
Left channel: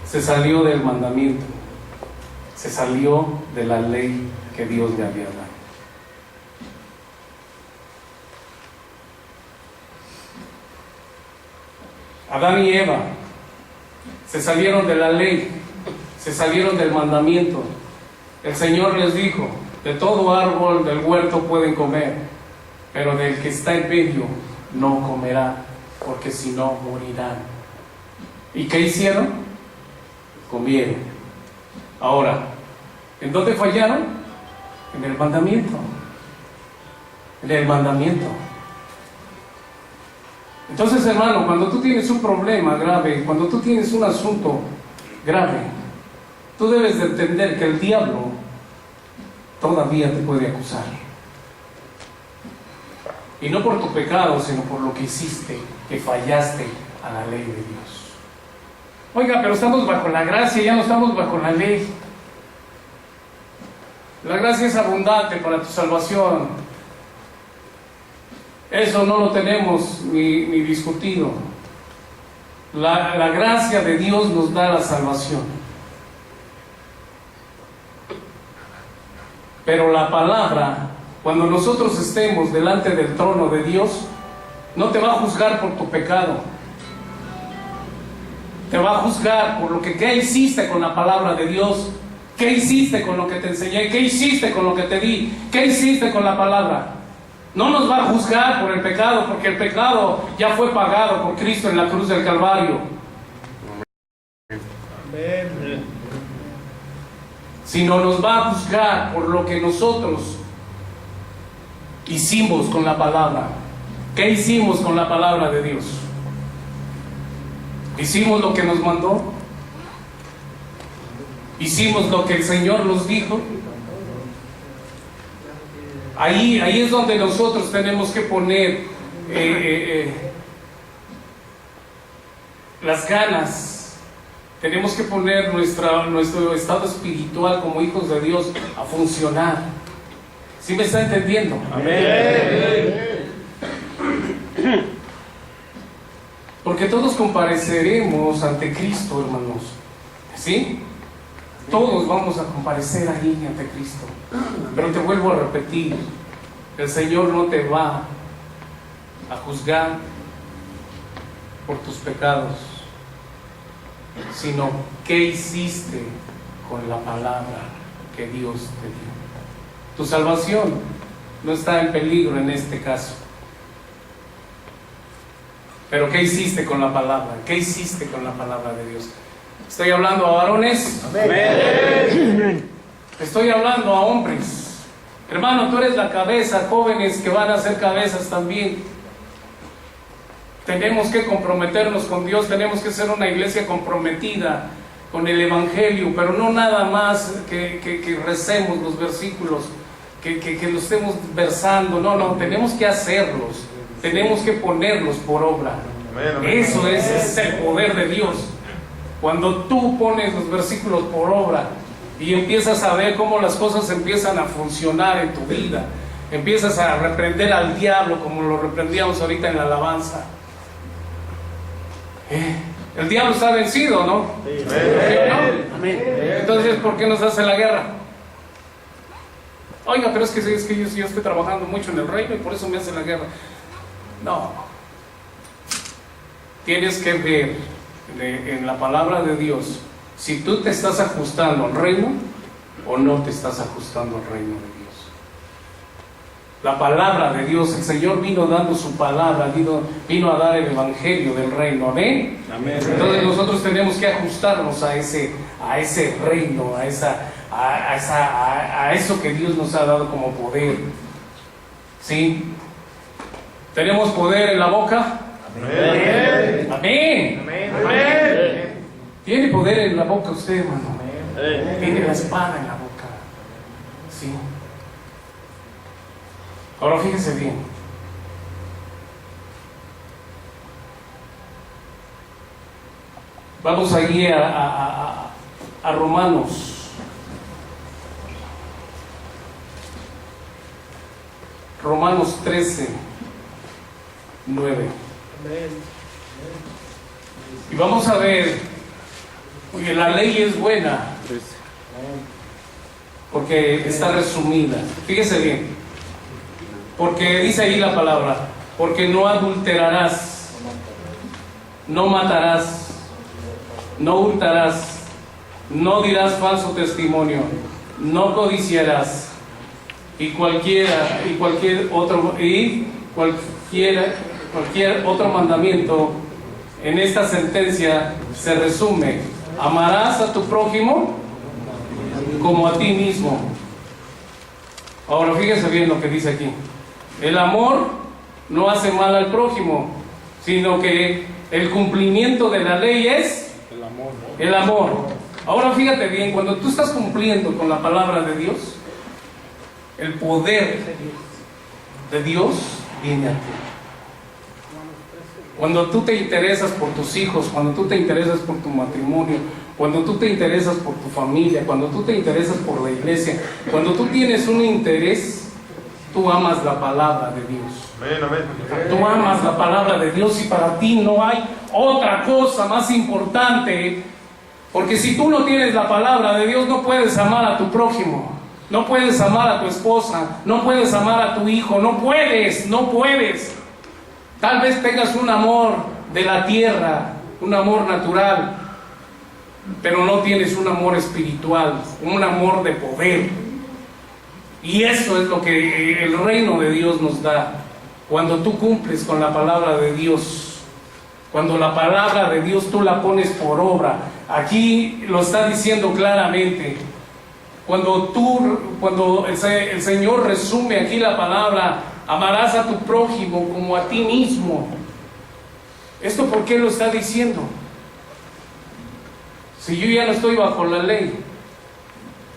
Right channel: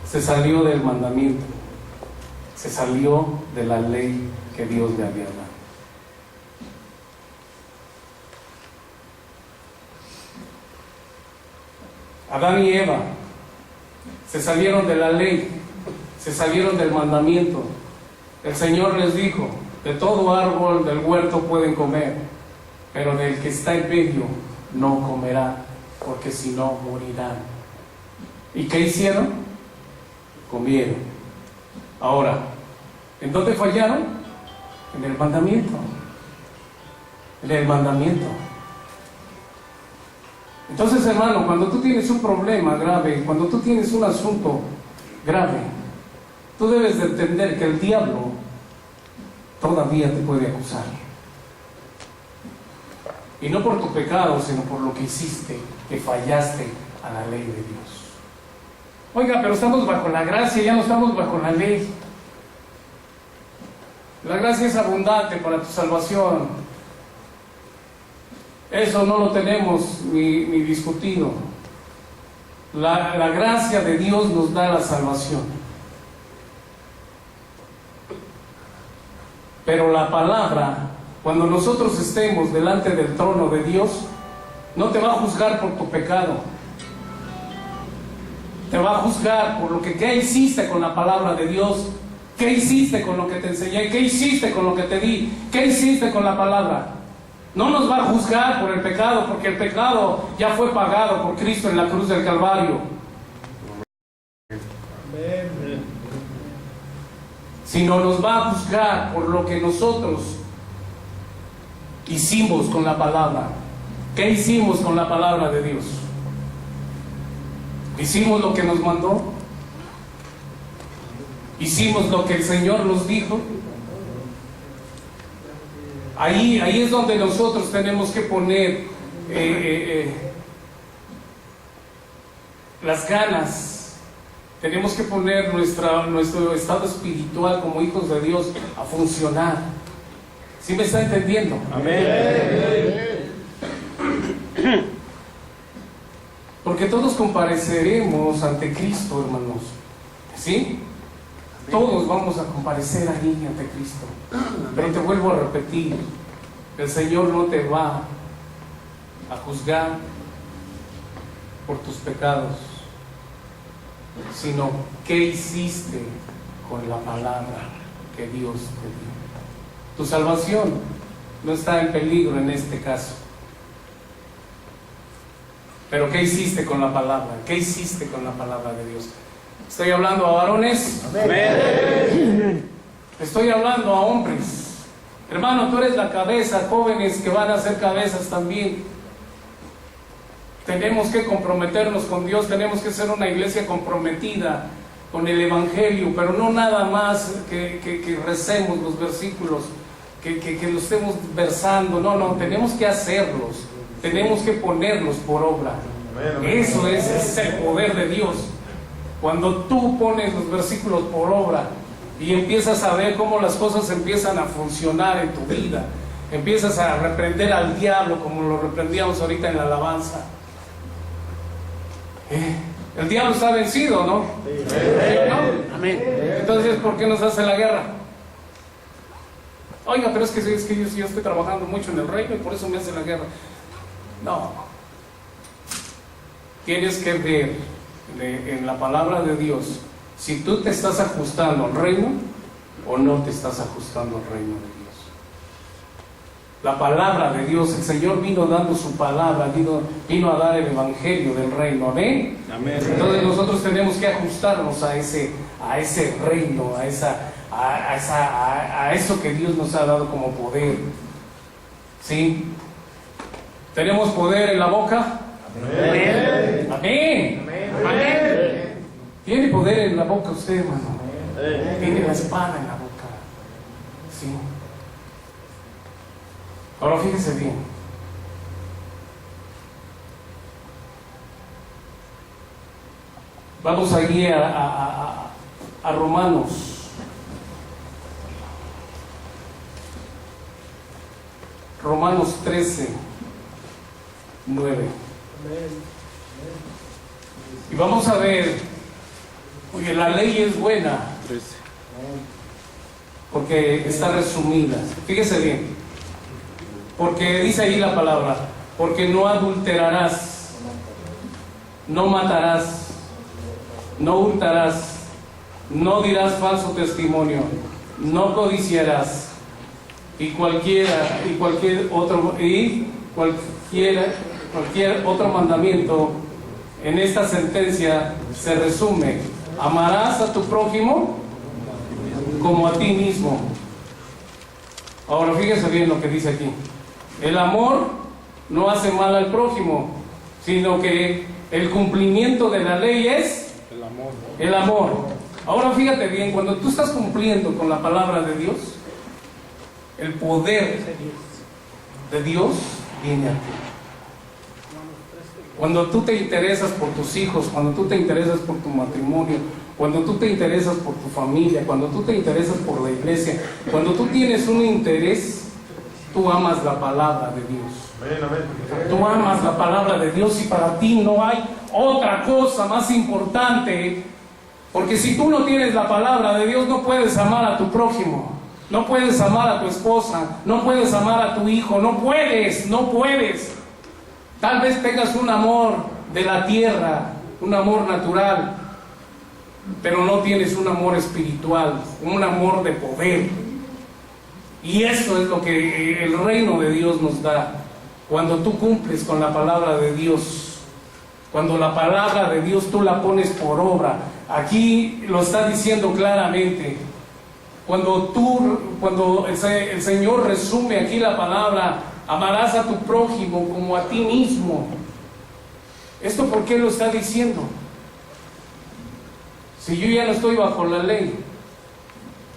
se salió del mandamiento, se salió de la ley que Dios le había dado. Adán y Eva se salieron de la ley, se salieron del mandamiento. El Señor les dijo: de todo árbol del huerto pueden comer, pero del que está en medio no comerán, porque si no morirán. ¿Y qué hicieron? Comieron. Ahora, ¿en dónde fallaron? En el mandamiento. En el mandamiento. Entonces, hermano, cuando tú tienes un problema grave, cuando tú tienes un asunto grave, tú debes de entender que el diablo todavía te puede acusar. Y no por tu pecado, sino por lo que hiciste, que fallaste a la ley de Dios. Oiga, pero estamos bajo la gracia, ya no estamos bajo la ley. La gracia es abundante para tu salvación. Eso no lo tenemos ni discutido. La gracia de Dios nos da la salvación. Pero la palabra, cuando nosotros estemos delante del trono de Dios, no te va a juzgar por tu pecado. Te va a juzgar por lo que ¿qué hiciste con la palabra de Dios? ¿Qué hiciste con lo que te enseñé? ¿Qué hiciste con lo que te di? ¿Qué hiciste con la palabra? No nos va a juzgar por el pecado, porque el pecado ya fue pagado por Cristo en la cruz del Calvario. Sino nos va a juzgar por lo que nosotros hicimos con la palabra. ¿Qué hicimos con la palabra de Dios? ¿Hicimos lo que nos mandó? ¿Hicimos lo que el Señor nos dijo? Ahí es donde nosotros tenemos que poner las ganas Tenemos que poner nuestro estado espiritual como hijos de Dios a funcionar. ¿Sí me está entendiendo? Amén. Porque todos compareceremos ante Cristo, hermanos. ¿Sí? Todos vamos a comparecer ahí ante Cristo. Pero te vuelvo a repetir, el Señor no te va a juzgar por tus pecados, sino qué hiciste con la palabra que Dios te dio. Tu salvación no está en peligro en este caso. Pero ¿qué hiciste con la palabra? ¿Qué hiciste con la palabra de Dios? Estoy hablando a varones. Amén. Estoy hablando a hombres. Hermano, tú eres la cabeza, jóvenes que van a ser cabezas también. Tenemos que comprometernos con Dios, tenemos que ser una iglesia comprometida con el Evangelio, pero no nada más que recemos los versículos, que los estemos versando. No, tenemos que hacerlos, tenemos que ponerlos por obra. Eso es el poder de Dios. Cuando tú pones los versículos por obra y empiezas a ver cómo las cosas empiezan a funcionar en tu vida, empiezas a reprender al diablo como lo reprendíamos ahorita en la alabanza. El diablo está vencido, ¿no? ¿Sí o no? Amén. Entonces, ¿por qué nos hace la guerra? Oiga, pero es que yo estoy trabajando mucho en el reino y por eso me hace la guerra. No. Tienes que ver en la palabra de Dios si tú te estás ajustando al reino o no te estás ajustando al reino de Dios. La palabra de Dios, el Señor vino dando su palabra, vino a dar el evangelio del reino. Amén. Amén. Entonces nosotros tenemos que ajustarnos a ese reino, a eso que Dios nos ha dado como poder. ¿Sí? ¿Tenemos poder en la boca? Amén. Amén. Amén. ¿Tiene poder en la boca usted, hermano? Amén. Tiene la espada en la boca. Sí. Ahora fíjese bien. Vamos allí a Romanos. Romanos 13, 9. Y vamos a ver, porque la ley es buena, porque está resumida. Fíjese bien, porque dice ahí la palabra, porque no adulterarás, no matarás, no hurtarás, no dirás falso testimonio, no codiciarás, y cualquier otro mandamiento en esta sentencia se resume: amarás a tu prójimo como a ti mismo. Ahora fíjese bien lo que dice aquí. El amor no hace mal al prójimo, sino que el cumplimiento de la ley es el amor. Ahora fíjate bien, cuando tú estás cumpliendo con la palabra de Dios, el poder de Dios viene a ti. Cuando tú te interesas por tus hijos, cuando tú te interesas por tu matrimonio, cuando tú te interesas por tu familia, cuando tú te interesas por la iglesia, cuando tú tienes un interés, tú amas la palabra de Dios. Tú amas la palabra de Dios y para ti no hay otra cosa más importante, porque si tú no tienes la palabra de Dios no puedes amar a tu prójimo, no puedes amar a tu esposa, no puedes amar a tu hijo, no puedes. Tal vez tengas un amor de la tierra, un amor natural, pero no tienes un amor espiritual, un amor de poder. Y eso es lo que el reino de Dios nos da. Cuando tú cumples con la palabra de Dios, cuando la palabra de Dios tú la pones por obra. Aquí lo está diciendo claramente. Cuando el Señor resume aquí la palabra, amarás a tu prójimo como a ti mismo. ¿Esto por qué lo está diciendo? Si yo ya no estoy bajo la ley,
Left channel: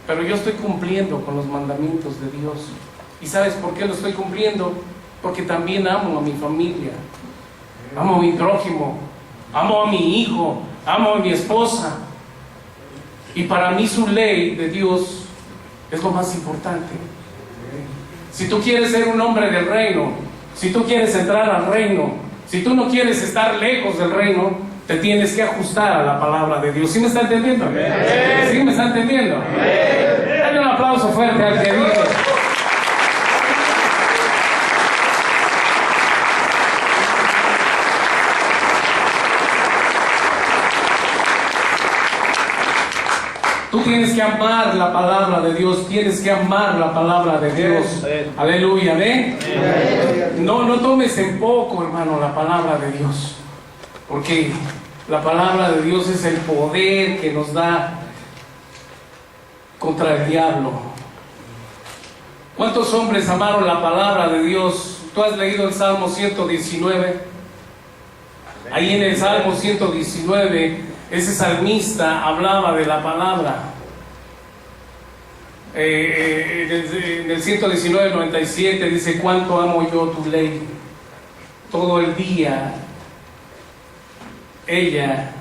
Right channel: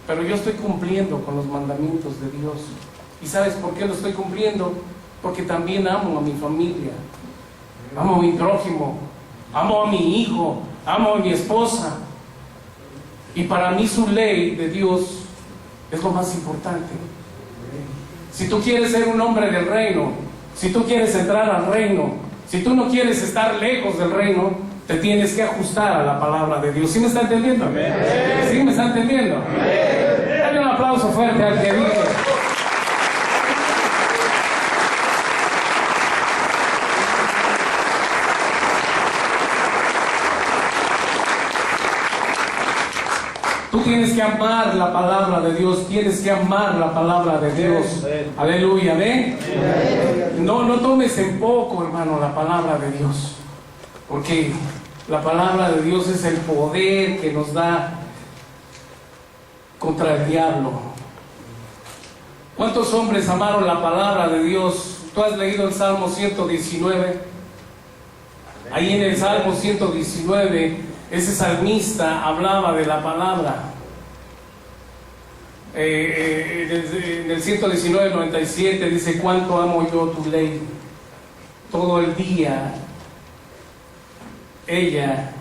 pero yo estoy cumpliendo con los mandamientos de Dios. ¿Y sabes por qué lo estoy cumpliendo? Porque también amo a mi familia, amo a mi prójimo, amo a mi hijo, amo a mi esposa, Y para mí su ley de Dios es lo más importante. Si tú quieres ser un hombre del reino, si tú quieres entrar al reino, si tú no quieres estar lejos del reino, te tienes que ajustar a la palabra de Dios. ¿Sí me está entendiendo? Amén. ¿Sí me está entendiendo? Amén. Dale un aplauso fuerte al que dice. Tú tienes que amar la palabra de Dios, tienes que amar la palabra de Dios. Aleluya, ¿ven? No tomes en poco, hermano, la palabra de Dios, porque la palabra de Dios es el poder que nos da contra el diablo. ¿Cuántos hombres amaron la palabra de Dios? ¿Tú has leído el Salmo 119? Ahí en el Salmo 119, ese salmista hablaba de la palabra. En el 119:97 dice: cuánto amo yo tu ley. Todo el día es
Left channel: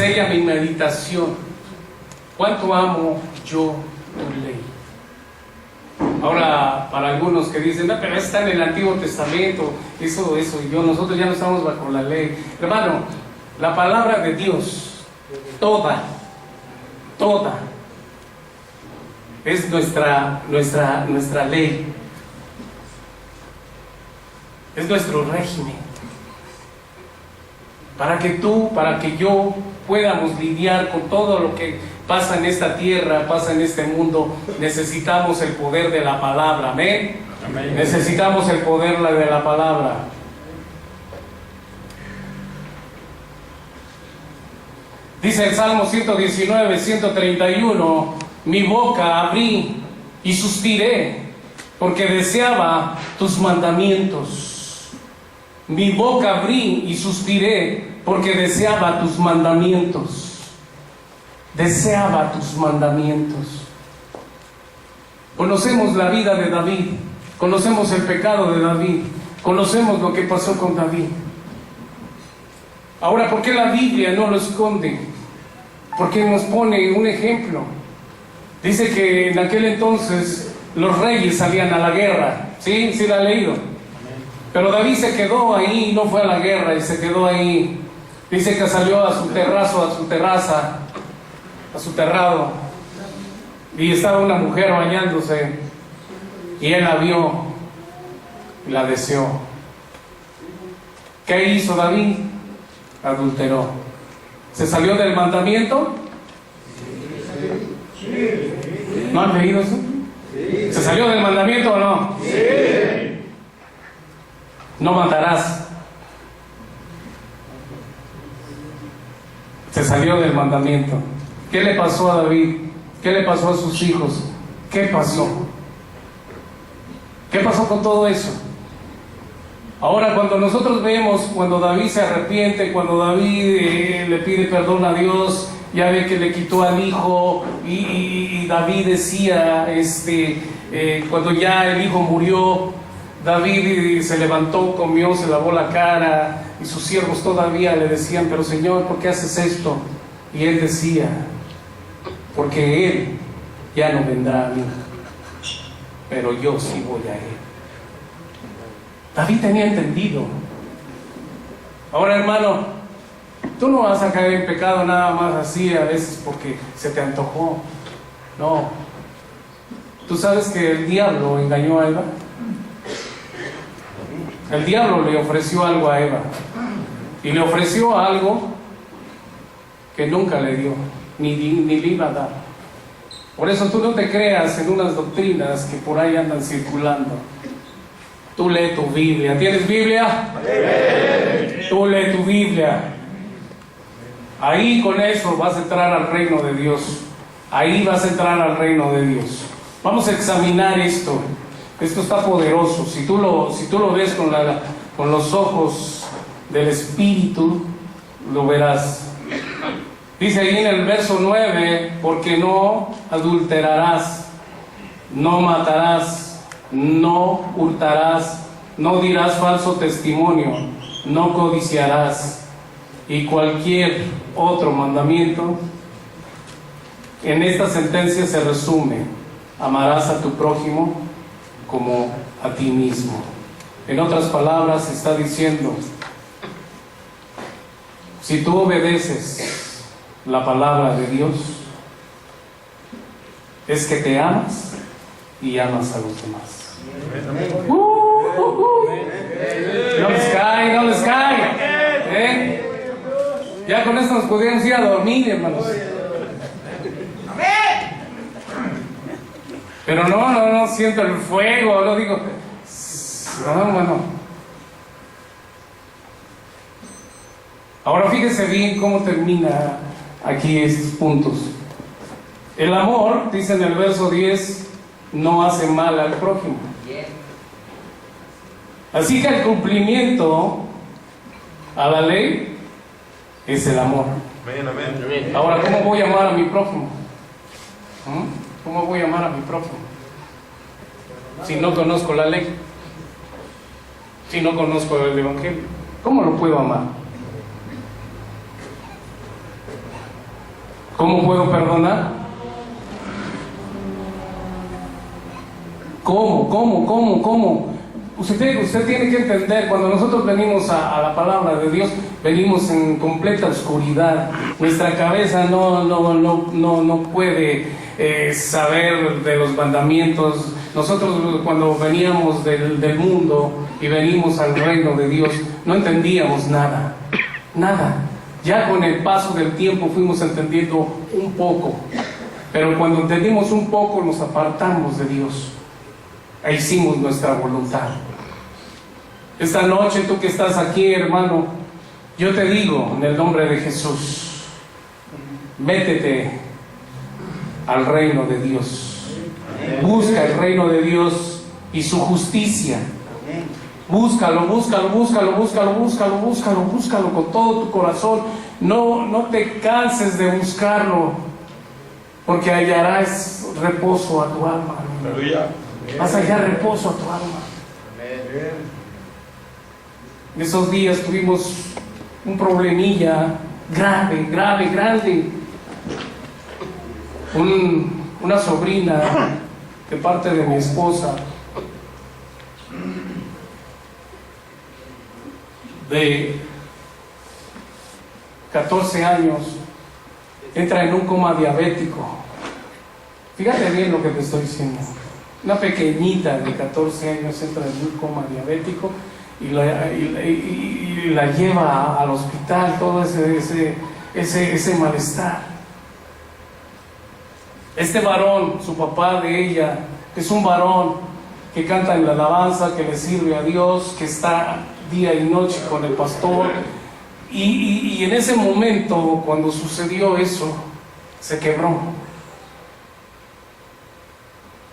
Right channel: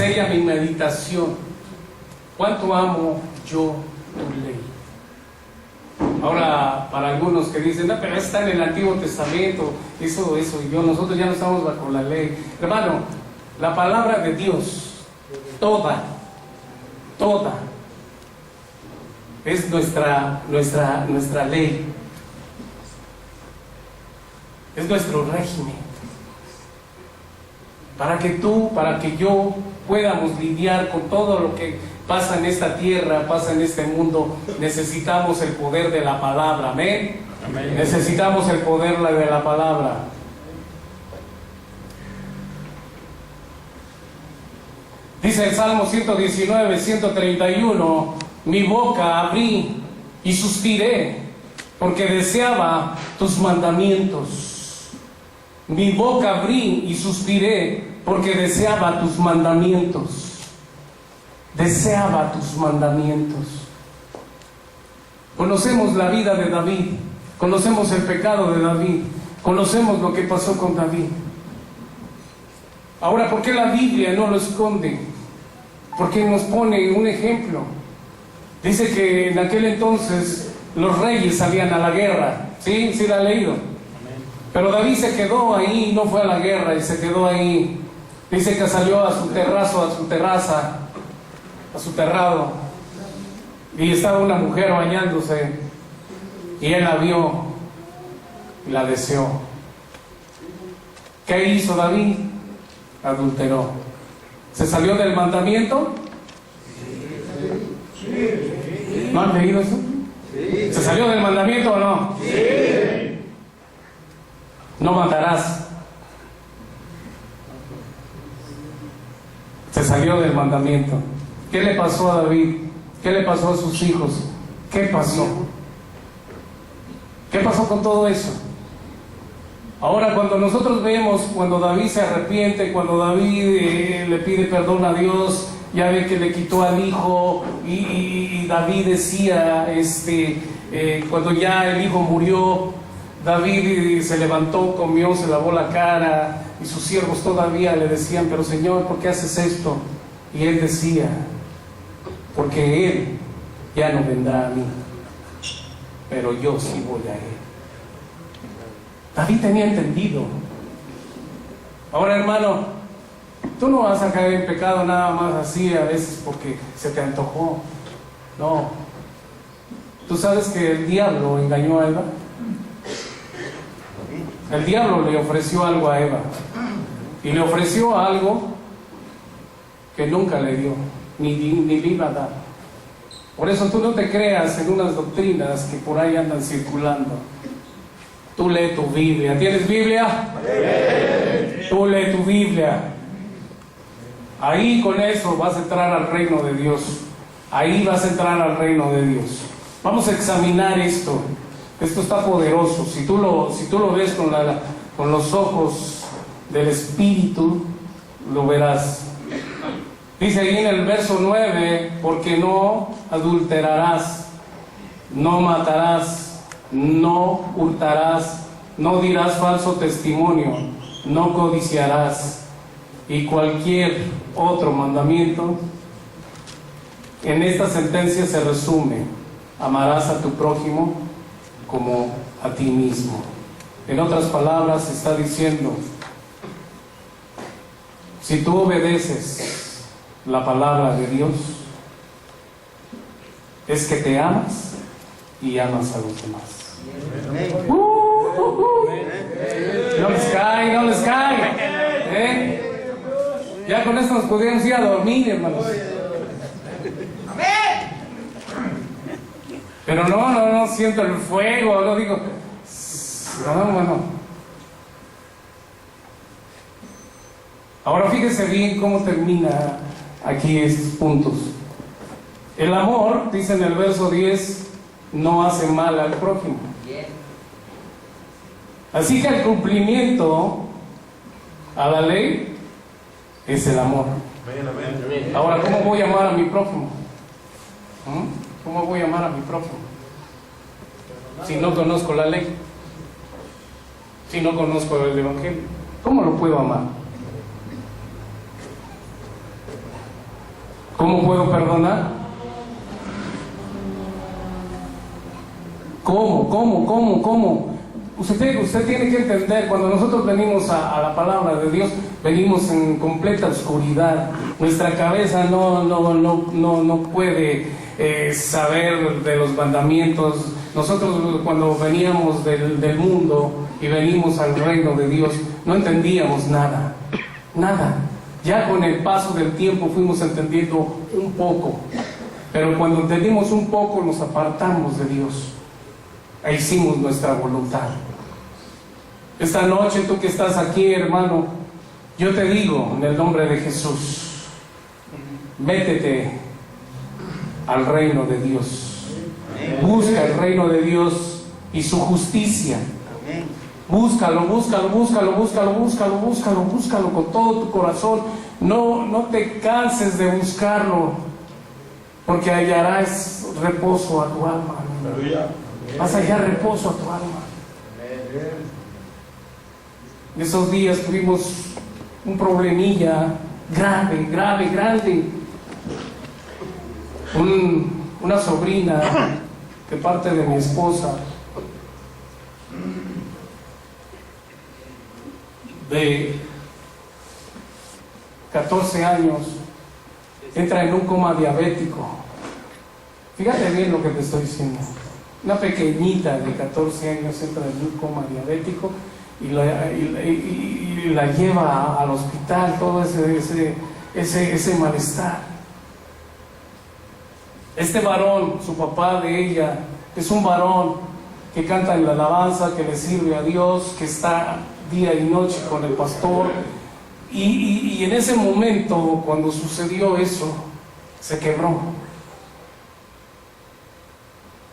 ella mi meditación. Cuánto amo yo tu ley. Ahora, para algunos que dicen: no, pero está en el Antiguo Testamento, eso, nosotros ya no estamos bajo la ley. Hermano, la palabra de Dios, toda, es nuestra ley, es nuestro régimen. Para que tú, para que yo podamos lidiar con todo lo que pasa en esta tierra, pasa en este mundo, necesitamos el poder de la palabra. Amén. Amén. Necesitamos el poder de la palabra. Dice el Salmo 119, 131: mi boca abrí y suspiré, porque deseaba tus mandamientos. Mi boca abrí y suspiré, porque deseaba tus mandamientos. Deseaba tus mandamientos. Conocemos la vida de David, conocemos el pecado de David, conocemos lo que pasó con David. Ahora, ¿por qué la Biblia no lo esconde? Porque nos pone un ejemplo. Dice que en aquel entonces los reyes salían a la guerra. ¿Sí? ¿Sí la ha leído? Pero David se quedó ahí, no fue a la guerra, y se quedó ahí. Dice que salió a su terrazo, a su terraza, a su terrado, y estaba una mujer bañándose, y él la vio y la deseó. ¿Qué hizo David? Adulteró. ¿Se salió del mandamiento? ¿No han leído eso? ¿Se salió del mandamiento o no? No matarás. Se salió del mandamiento. ¿Qué le pasó a David? ¿Qué le pasó a sus hijos? ¿Qué pasó? ¿Qué pasó con todo eso? Ahora, cuando nosotros vemos, cuando David se arrepiente, cuando David le pide perdón a Dios, ya ve que le quitó al hijo, y David decía, cuando ya el hijo murió, David se levantó, comió, se lavó la cara, y sus siervos todavía le decían: pero Señor, ¿por qué haces esto? Y él decía: porque él ya no vendrá a mí, pero yo sí voy a él. David tenía entendido. Ahora, hermano, tú no vas a caer en pecado nada más así a veces porque se te antojó. No. ¿Tú sabes que el diablo engañó a Eva? El diablo le ofreció algo a Eva, y le ofreció algo que nunca le dio, ni le iba a dar. Por eso tú no te creas en unas doctrinas que por ahí andan circulando. Tú lee tu Biblia. ¿Tienes Biblia? Tú lee tu Biblia. Ahí con eso vas a entrar al reino de Dios. Ahí vas a entrar al reino de Dios. Vamos a examinar esto. Esto está poderoso. Si tú lo ves con los ojos del Espíritu, lo verás. Dice ahí en el verso 9: porque no adulterarás, no matarás, no hurtarás, no dirás falso testimonio, no codiciarás, y cualquier otro mandamiento En esta sentencia se resume: amarás a tu prójimo como a ti mismo. En otras palabras, está diciendo: si tú obedeces la palabra de Dios, es que te amas y amas a los demás. No les cae, no les cae. Ya con esto nos podríamos ir a dormir, hermanos. Pero no siento el fuego, no digo. No, hermano. Ahora fíjese bien cómo termina aquí estos puntos. El amor, dice en el verso 10, no hace mal al prójimo. Así que el cumplimiento a la ley es el amor. Ahora, ¿cómo voy a amar a mi prójimo? ¿Cómo voy a amar a mi prójimo? Si no conozco la ley, si no conozco el Evangelio, ¿cómo lo puedo amar? ¿Cómo puedo perdonar? ¿Cómo? Usted tiene que entender, cuando nosotros venimos a la palabra de Dios, venimos en completa oscuridad. Nuestra cabeza no puede saber de los mandamientos. Nosotros, cuando veníamos del mundo y venimos al reino de Dios, no entendíamos nada. Ya con el paso del tiempo fuimos entendiendo un poco, pero cuando entendimos un poco nos apartamos de Dios e hicimos nuestra voluntad. Esta noche, tú que estás aquí, hermano, yo te digo en el nombre de Jesús: métete al reino de Dios. Busca el reino de Dios y su justicia. Búscalo con todo tu corazón. No te canses de buscarlo, porque hallarás reposo a tu alma. Vas a hallar reposo a tu alma. En esos días tuvimos un problemilla grande. Una sobrina de parte de mi esposa, de 14 años, entra en un coma diabético. Fíjate bien lo que te estoy diciendo. Una pequeñita de 14 años entra en un coma diabético y la lleva al hospital, todo ese malestar. Este varón, su papá de ella, es un varón que canta en la alabanza, que le sirve a Dios, que está día y noche con el pastor. Y en ese momento, cuando sucedió eso, se quebró.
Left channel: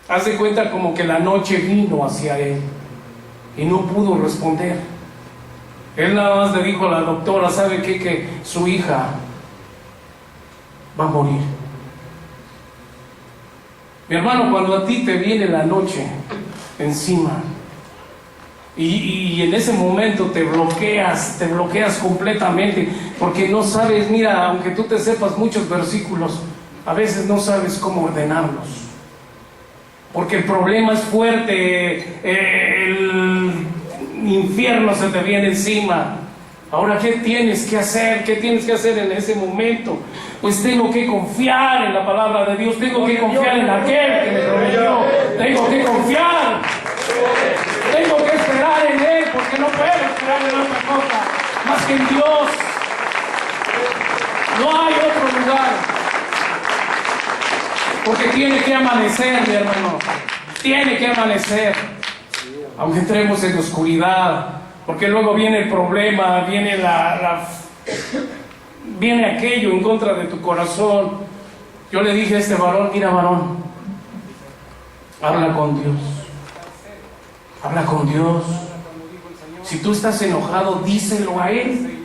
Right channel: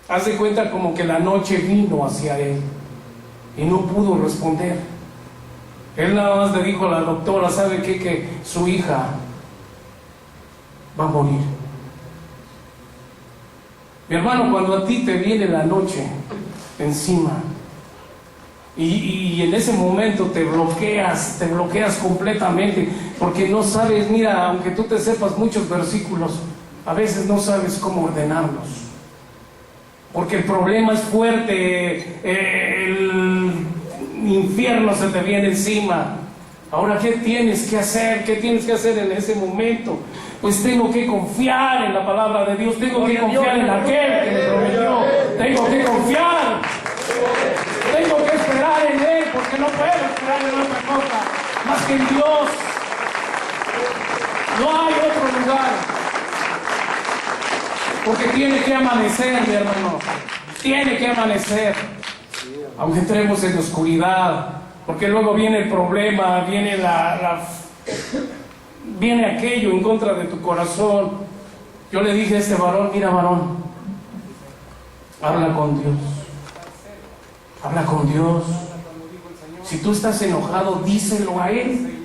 Haz de cuenta como que la noche vino hacia él y no pudo responder. Él nada más le dijo a la doctora: ¿sabe qué? Que su hija va a morir. Mi hermano, cuando a ti te viene la noche encima y en ese momento te bloqueas completamente, porque no sabes, mira, aunque tú te sepas muchos versículos, a veces no sabes cómo ordenarlos, porque el problema es fuerte, el infierno se te viene encima. Ahora, ¿qué tienes que hacer? ¿Qué tienes que hacer en ese momento? Pues tengo que confiar en la palabra de Dios, tengo que confiar en aquel que me proveyó, tengo que confiar, tengo que esperar en Él, porque no puedo esperar en otra cosa más que en Dios. No hay otro lugar, porque tiene que amanecer, mi hermano, tiene que amanecer, aunque entremos en oscuridad. Porque luego viene el problema, viene aquello en contra de tu corazón. Yo le dije a este varón: mira, varón, habla con Dios. Habla con Dios. Si tú estás enojado, díselo a Él.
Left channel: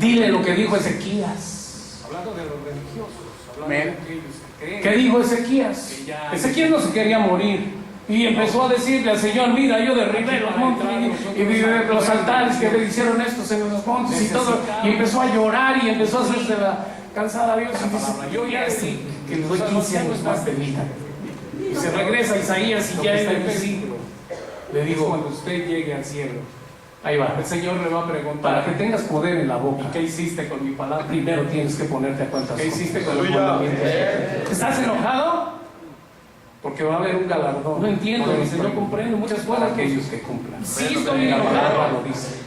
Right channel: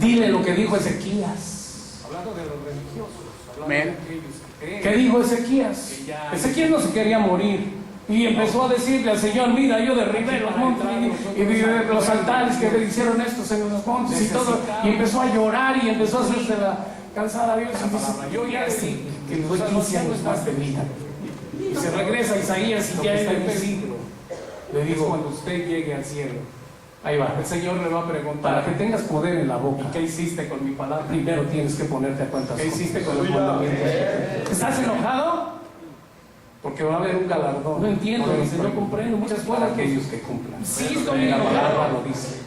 Dile lo que dijo Ezequías. Hablando de los religiosos, hablando de aquellos que creen. ¿Qué dijo Ezequías? Ezequías no se quería morir. Y empezó a decirle al Señor: mira, yo derribé los montes y los altares que me hicieron estos en los montes y todo. Y empezó a llorar y empezó a hacerse cansada Dios y dice, yo ya sí, que les doy 15 años más de vida. Y se regresa a Isaías y ya es el siglo. Le digo, cuando usted llegue al cielo, ahí va, el Señor le va a preguntar, para que tengas poder en la boca, ¿qué hiciste con mi palabra? Primero tienes que ponerte a cuentas. ¿Qué hiciste con los mandamientos? ¿Estás enojado? Porque va a haber un galardón. No entiendo, dice, no comprendo. Muchas cosas aquellos que cumplan. Sí, estoy la palabra lo dice.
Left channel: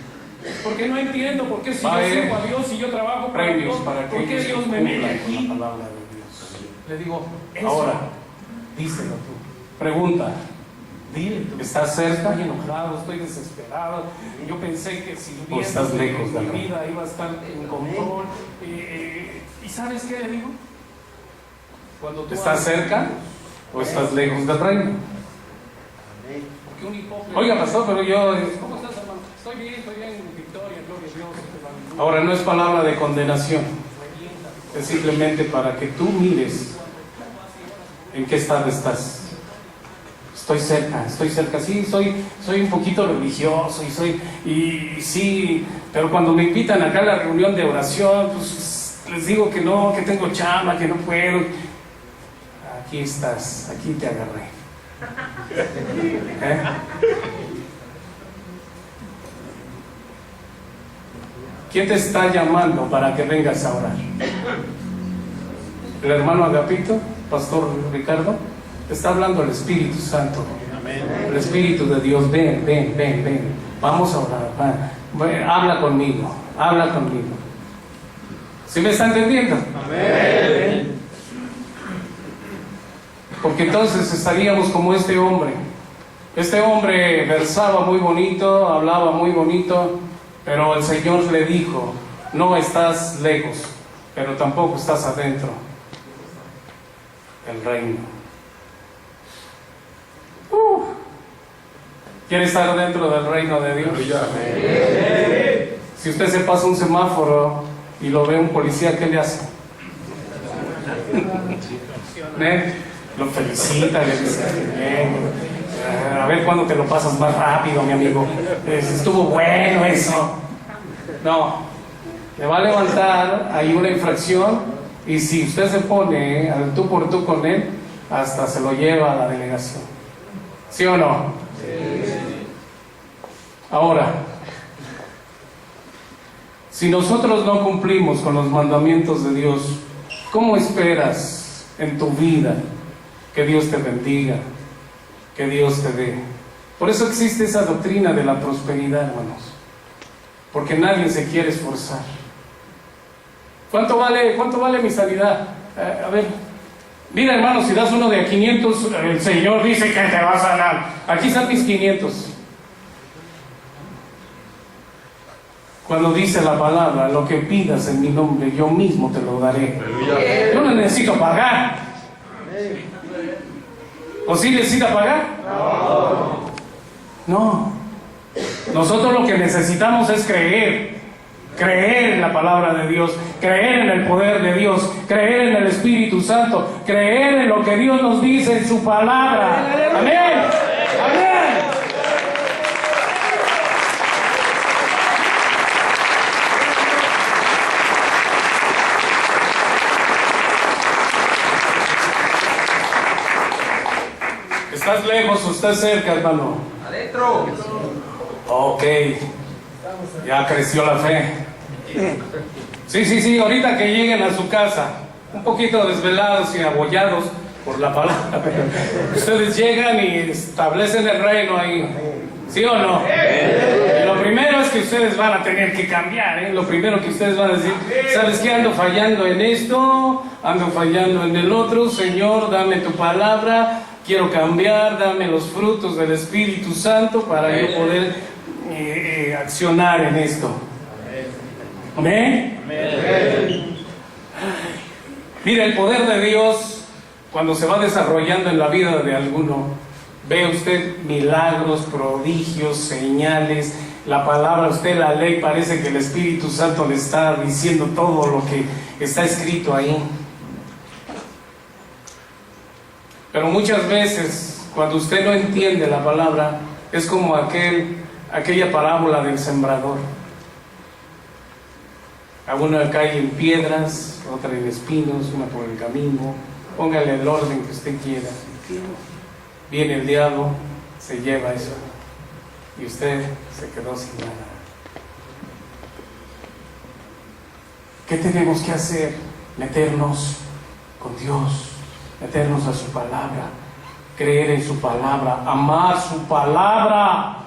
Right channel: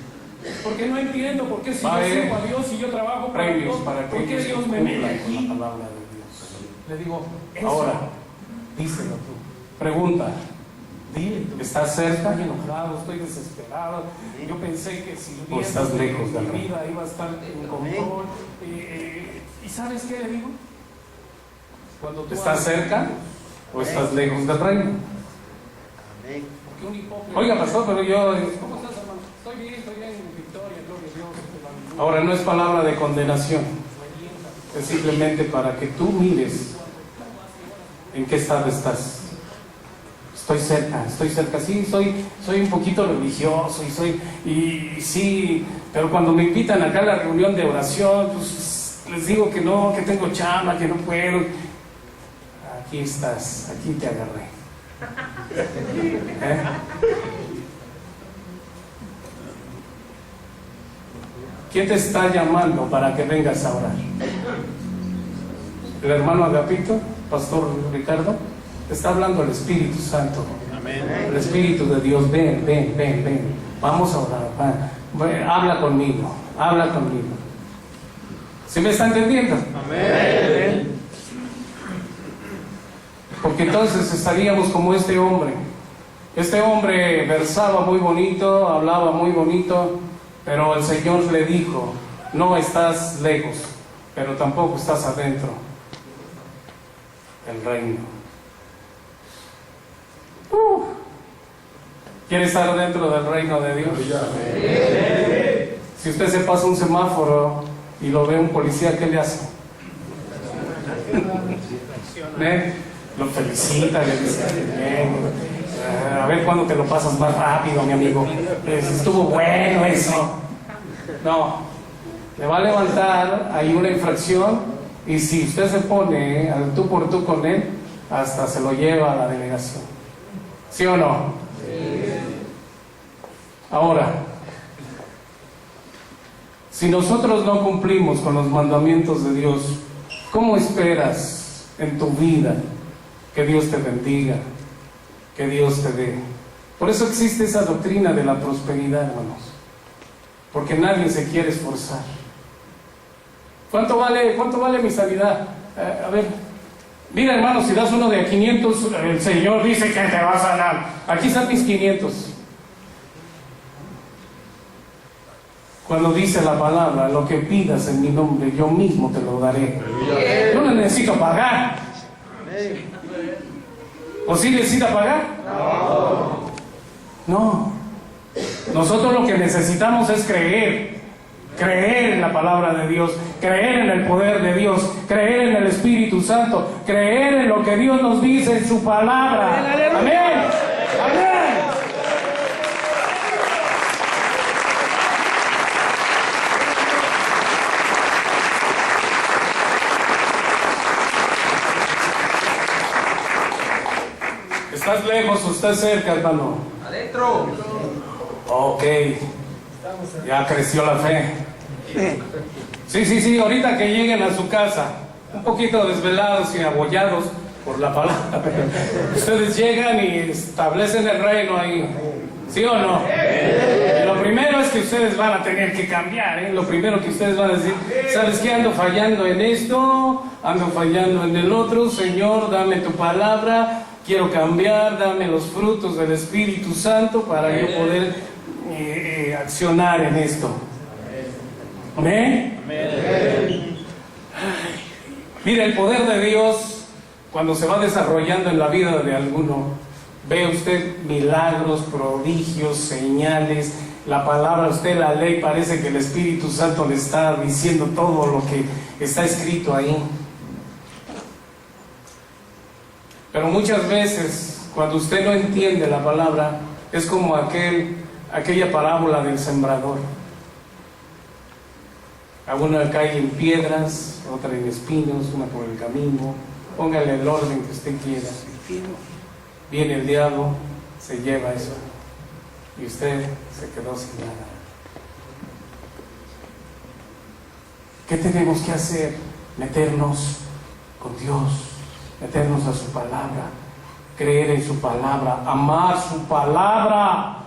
Porque no entiendo, porque si yo sirvo a Dios y yo trabajo para Dios, ¿por qué Dios me mete aquí? La palabra de Dios. Le digo, ahora, díselo tú. Pregunta. Dile, ¿estás cerca? Estoy enojado, estoy desesperado. Yo pensé que si estás lejos de mi vida iba a estar en control. ¿Y sabes qué le digo? Cuando tú ¿estás cerca o estás lejos del reino? Oiga, pastor, pero yo... ¿Cómo estás, hermano? Estoy bien, victoria, gloria a Dios. Ahora, no es palabra de condenación. Es simplemente para que tú mires en qué estado estás. Estoy cerca, sí, soy un poquito religioso y sí, pero cuando me invitan acá a la reunión de oración, pues les digo que no, que tengo chamba, que no puedo. Aquí estás, aquí te agarré. ¿Eh? ¿Quién te está llamando para que vengas a orar? ¿El hermano Agapito? ¿Pastor Ricardo? Está hablando el Espíritu Santo. El Espíritu de Dios. Ven. Vamos a orar. Habla conmigo. ¿Sí me está entendiendo? Amén. Porque entonces estaríamos como este hombre. Este hombre versaba muy bonito, hablaba muy bonito, pero el Señor le dijo, no estás lejos, pero tampoco estás adentro del reino. ¿Quiere estar dentro del reino de Dios? Si usted se pasa un semáforo y lo ve un policía, ¿qué le hace? Lo felicita, le dice, bien, a ver cuándo te lo pasas más rápido, mi amigo. Estuvo bueno eso. No, le va a levantar ahí una infracción y si usted se pone al tú por tú con él, hasta se lo lleva a la delegación. ¿Sí o no? Sí. Ahora, si nosotros no cumplimos con los mandamientos de Dios, ¿cómo esperas en tu vida que Dios te bendiga, que Dios te dé? Por eso existe esa doctrina de la prosperidad, hermanos, porque nadie se quiere esforzar. ¿Cuánto vale mi sanidad? A ver, mira, hermano, si das uno de 500, el Señor dice que te va a sanar. Aquí están mis 500. Cuando dice la palabra, lo que pidas en mi nombre, yo mismo te lo daré. Yo no necesito pagar. ¿O sí necesita pagar? No. Nosotros lo que necesitamos es creer en la palabra de Dios, creer en el poder de Dios, creer en el Espíritu Santo, creer en lo que Dios nos dice en su palabra. Amén. Amén. ¿Estás lejos o estás cerca, hermano? Adentro. Ok. Ya creció la fe. Sí, ahorita que lleguen a su casa, un poquito desvelados y abollados por la palabra, ustedes llegan y establecen el reino ahí. ¿Sí o no? Y lo primero es que ustedes van a tener que cambiar, Lo primero que ustedes van a decir, ¿sabes qué? Ando fallando en esto, ando fallando en el otro. Señor, dame tu palabra, quiero cambiar, dame los frutos del Espíritu Santo para yo poder accionar en esto. ¿Amén? Mira, el poder de Dios, cuando se va desarrollando en la vida de alguno, ve usted milagros, prodigios, señales, la palabra, usted la ley, parece que el Espíritu Santo le está diciendo todo lo que está escrito ahí. Pero muchas veces, cuando usted no entiende la palabra, es como aquella parábola del sembrador. Alguna cae en piedras, otra en espinos, una por el camino. Póngale el orden que usted quiera. Viene el diablo, se lleva eso. Y usted se quedó sin nada. ¿Qué tenemos que hacer? Meternos con Dios, meternos a su palabra, creer en su palabra, amar su palabra.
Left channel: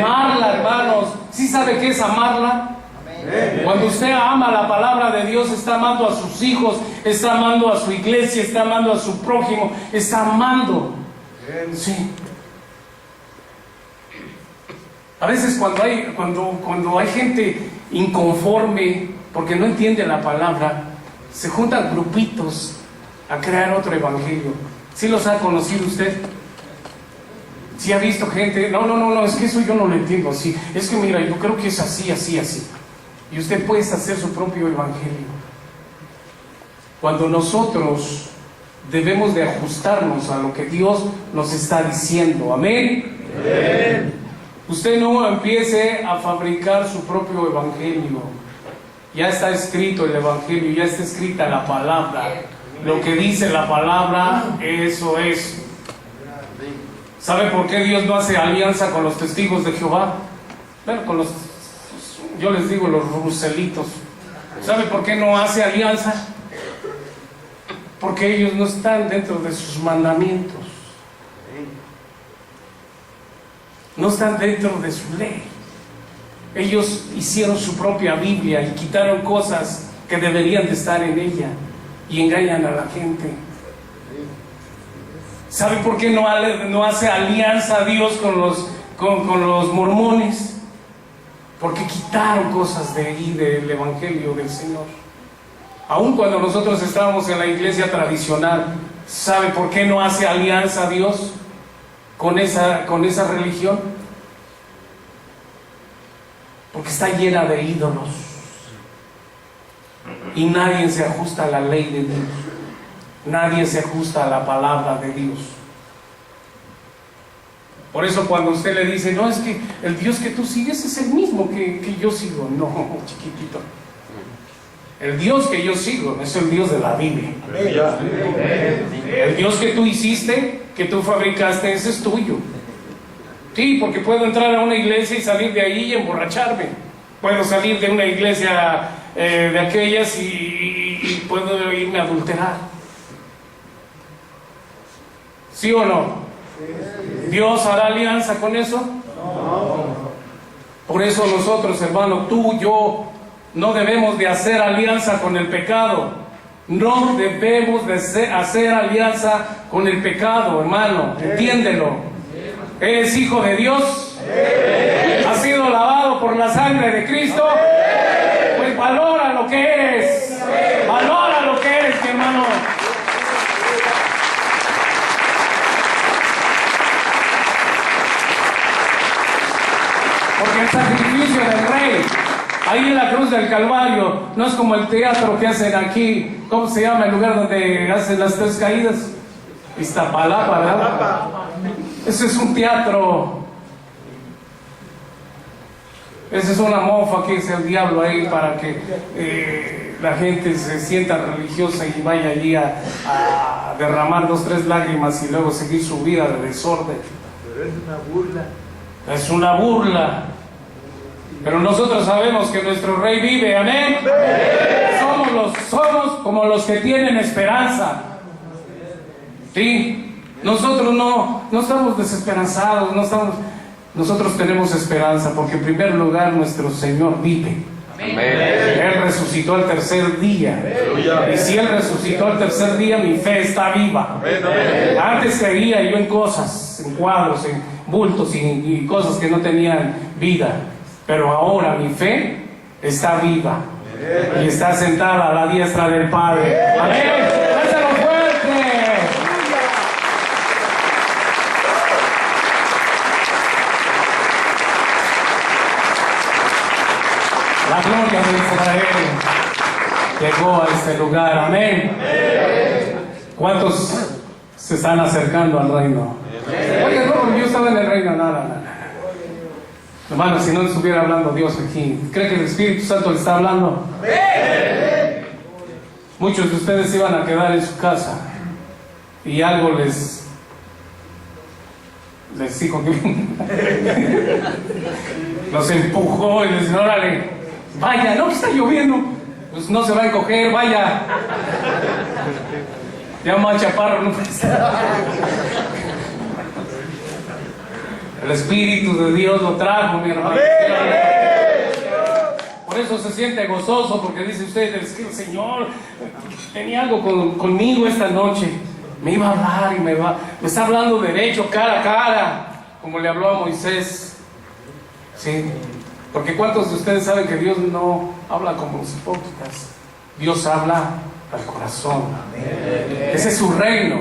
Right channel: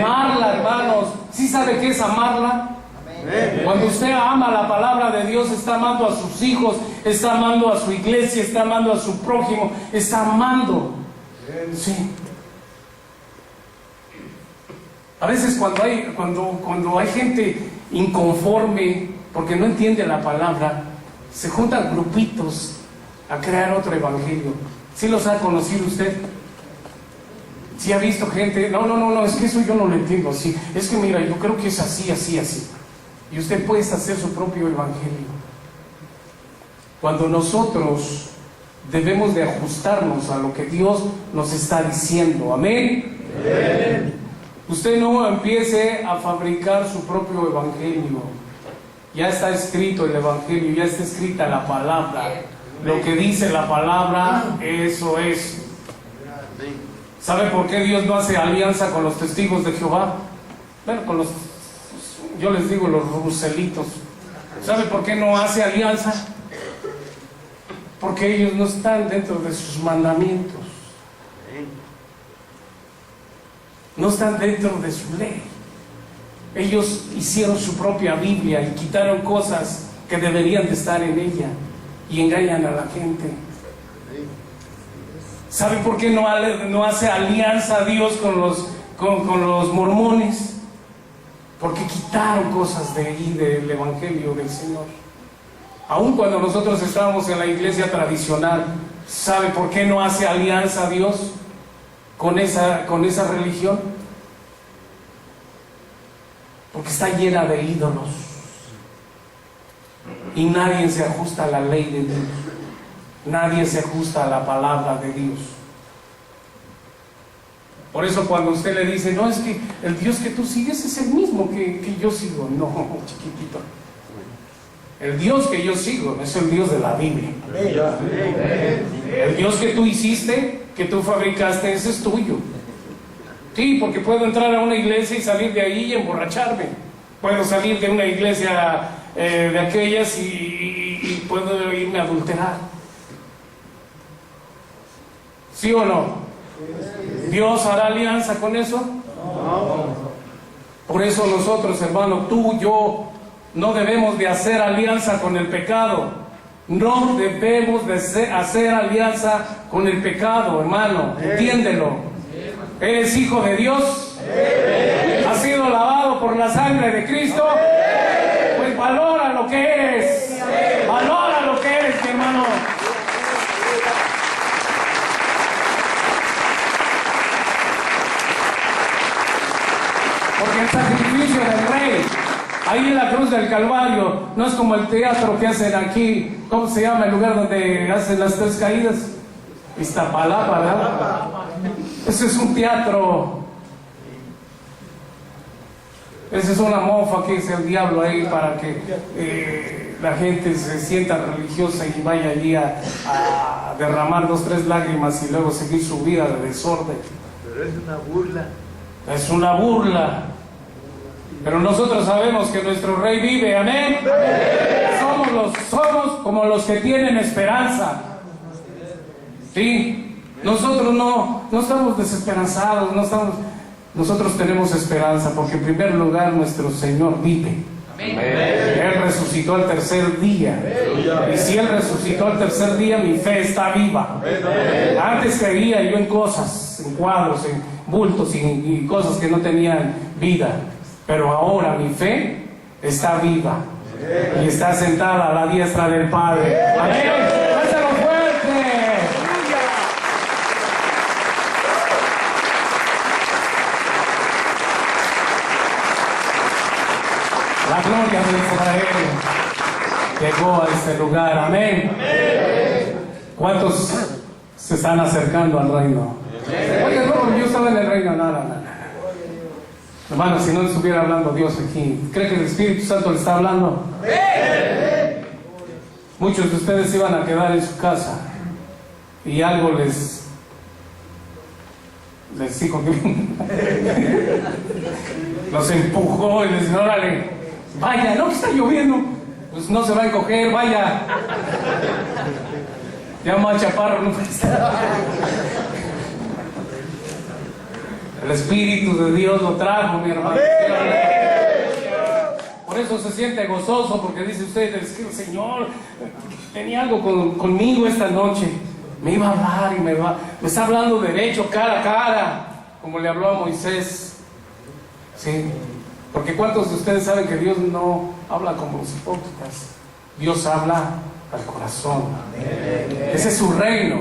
Amarla, hermanos. ¿Sí sabe qué es amarla? Cuando usted ama la palabra de Dios, está amando a sus hijos, está amando a su iglesia, está amando a su prójimo, está amando. Sí. A veces cuando hay gente inconforme porque no entiende la palabra, se juntan grupitos a crear otro evangelio. ¿Sí los ha conocido usted? ¿Sí ha visto gente? No, es que eso yo no lo entiendo así. Es que mira, yo creo que es así. Y usted puede hacer su propio evangelio. Cuando nosotros debemos de ajustarnos a lo que Dios nos está diciendo. Amén. Amén. Usted no empiece a fabricar su propio evangelio. Ya está escrito el evangelio, ya está escrita la palabra. Lo que dice la palabra, eso es. ¿Sabe por qué Dios no hace alianza con los testigos de Jehová? Bueno, yo les digo los ruselitos. ¿Sabe por qué no hace alianza? Porque ellos no están dentro de sus mandamientos. No están dentro de su ley. Ellos hicieron su propia Biblia y quitaron cosas que deberían de estar en ella y engañan a la gente. ¿Sabe por qué no hace alianza a Dios con los mormones? Porque quitaron cosas de ahí del evangelio del Señor. Aun cuando nosotros estábamos en la iglesia tradicional, ¿sabe por qué no hace alianza a Dios con esa religión? Porque está llena de ídolos y nadie se ajusta a la ley de Dios, nadie se ajusta a la palabra de Dios. Por eso cuando usted le dice, no, es que el Dios que tú sigues es el mismo que yo sigo. No, chiquitito, el Dios que yo sigo es el Dios de la Biblia. El Dios que tú hiciste, que tú fabricaste, ese es tuyo. Sí, porque puedo entrar a una iglesia y salir de ahí y emborracharme. Puedo salir de una iglesia de aquellas y puedo irme a adulterar. ¿Sí o no? ¿Dios hará alianza con eso? No. Por eso nosotros, hermano, tú, yo, no debemos de hacer alianza con el pecado. No debemos de hacer alianza con el pecado, hermano. Entiéndelo. ¿Eres hijo de Dios? ¿Has sido lavado por la sangre de Cristo? Pues valora lo que eres. Valora lo que eres, mi hermano. Porque el sacrificio del Rey, ahí en la cruz del Calvario, no es como el teatro que hacen aquí. ¿Cómo se llama el lugar donde hacen las tres caídas? Iztapalapa, ¿verdad? Ese es un teatro. Esa es una mofa que es el diablo ahí para que la gente se sienta religiosa y vaya allí a derramar 2 o 3 lágrimas y luego seguir su vida de desorden. Pero es una burla. Es una burla. Pero nosotros sabemos que nuestro Rey vive. Amén. Somos como los que tienen esperanza. Sí. Nosotros no estamos desesperanzados, nosotros tenemos esperanza, porque en primer lugar nuestro Señor vive. Amén. Él resucitó al tercer día. Y si Él resucitó al tercer día, mi fe está viva. Antes creía yo en cosas, en cuadros, en bultos y cosas que no tenían vida, pero ahora mi fe está viva y está sentada a la diestra del Padre. Amén. La gloria de Israel llegó a este lugar. Amén. ¿Cuántos se están acercando al reino? Oye, no, yo estaba en el reino. No. Hermano, si no estuviera hablando Dios aquí, ¿cree que el Espíritu Santo le está hablando? Muchos de ustedes iban a quedar en su casa y algo les dijo que los empujó y les dijo: órale, vaya, no, que está lloviendo, pues no se va a encoger, vaya. Llama a Chaparro, no puede estar. El Espíritu de Dios lo trajo, mi hermano. Por eso se siente gozoso, porque dice usted: es que el Señor tenía algo conmigo esta noche. Me iba a hablar y me está hablando derecho, cara a cara, como le habló a Moisés. Sí, porque ¿cuántos de ustedes saben que Dios no habla como los hipócritas? Dios habla al corazón. Ese es su reino,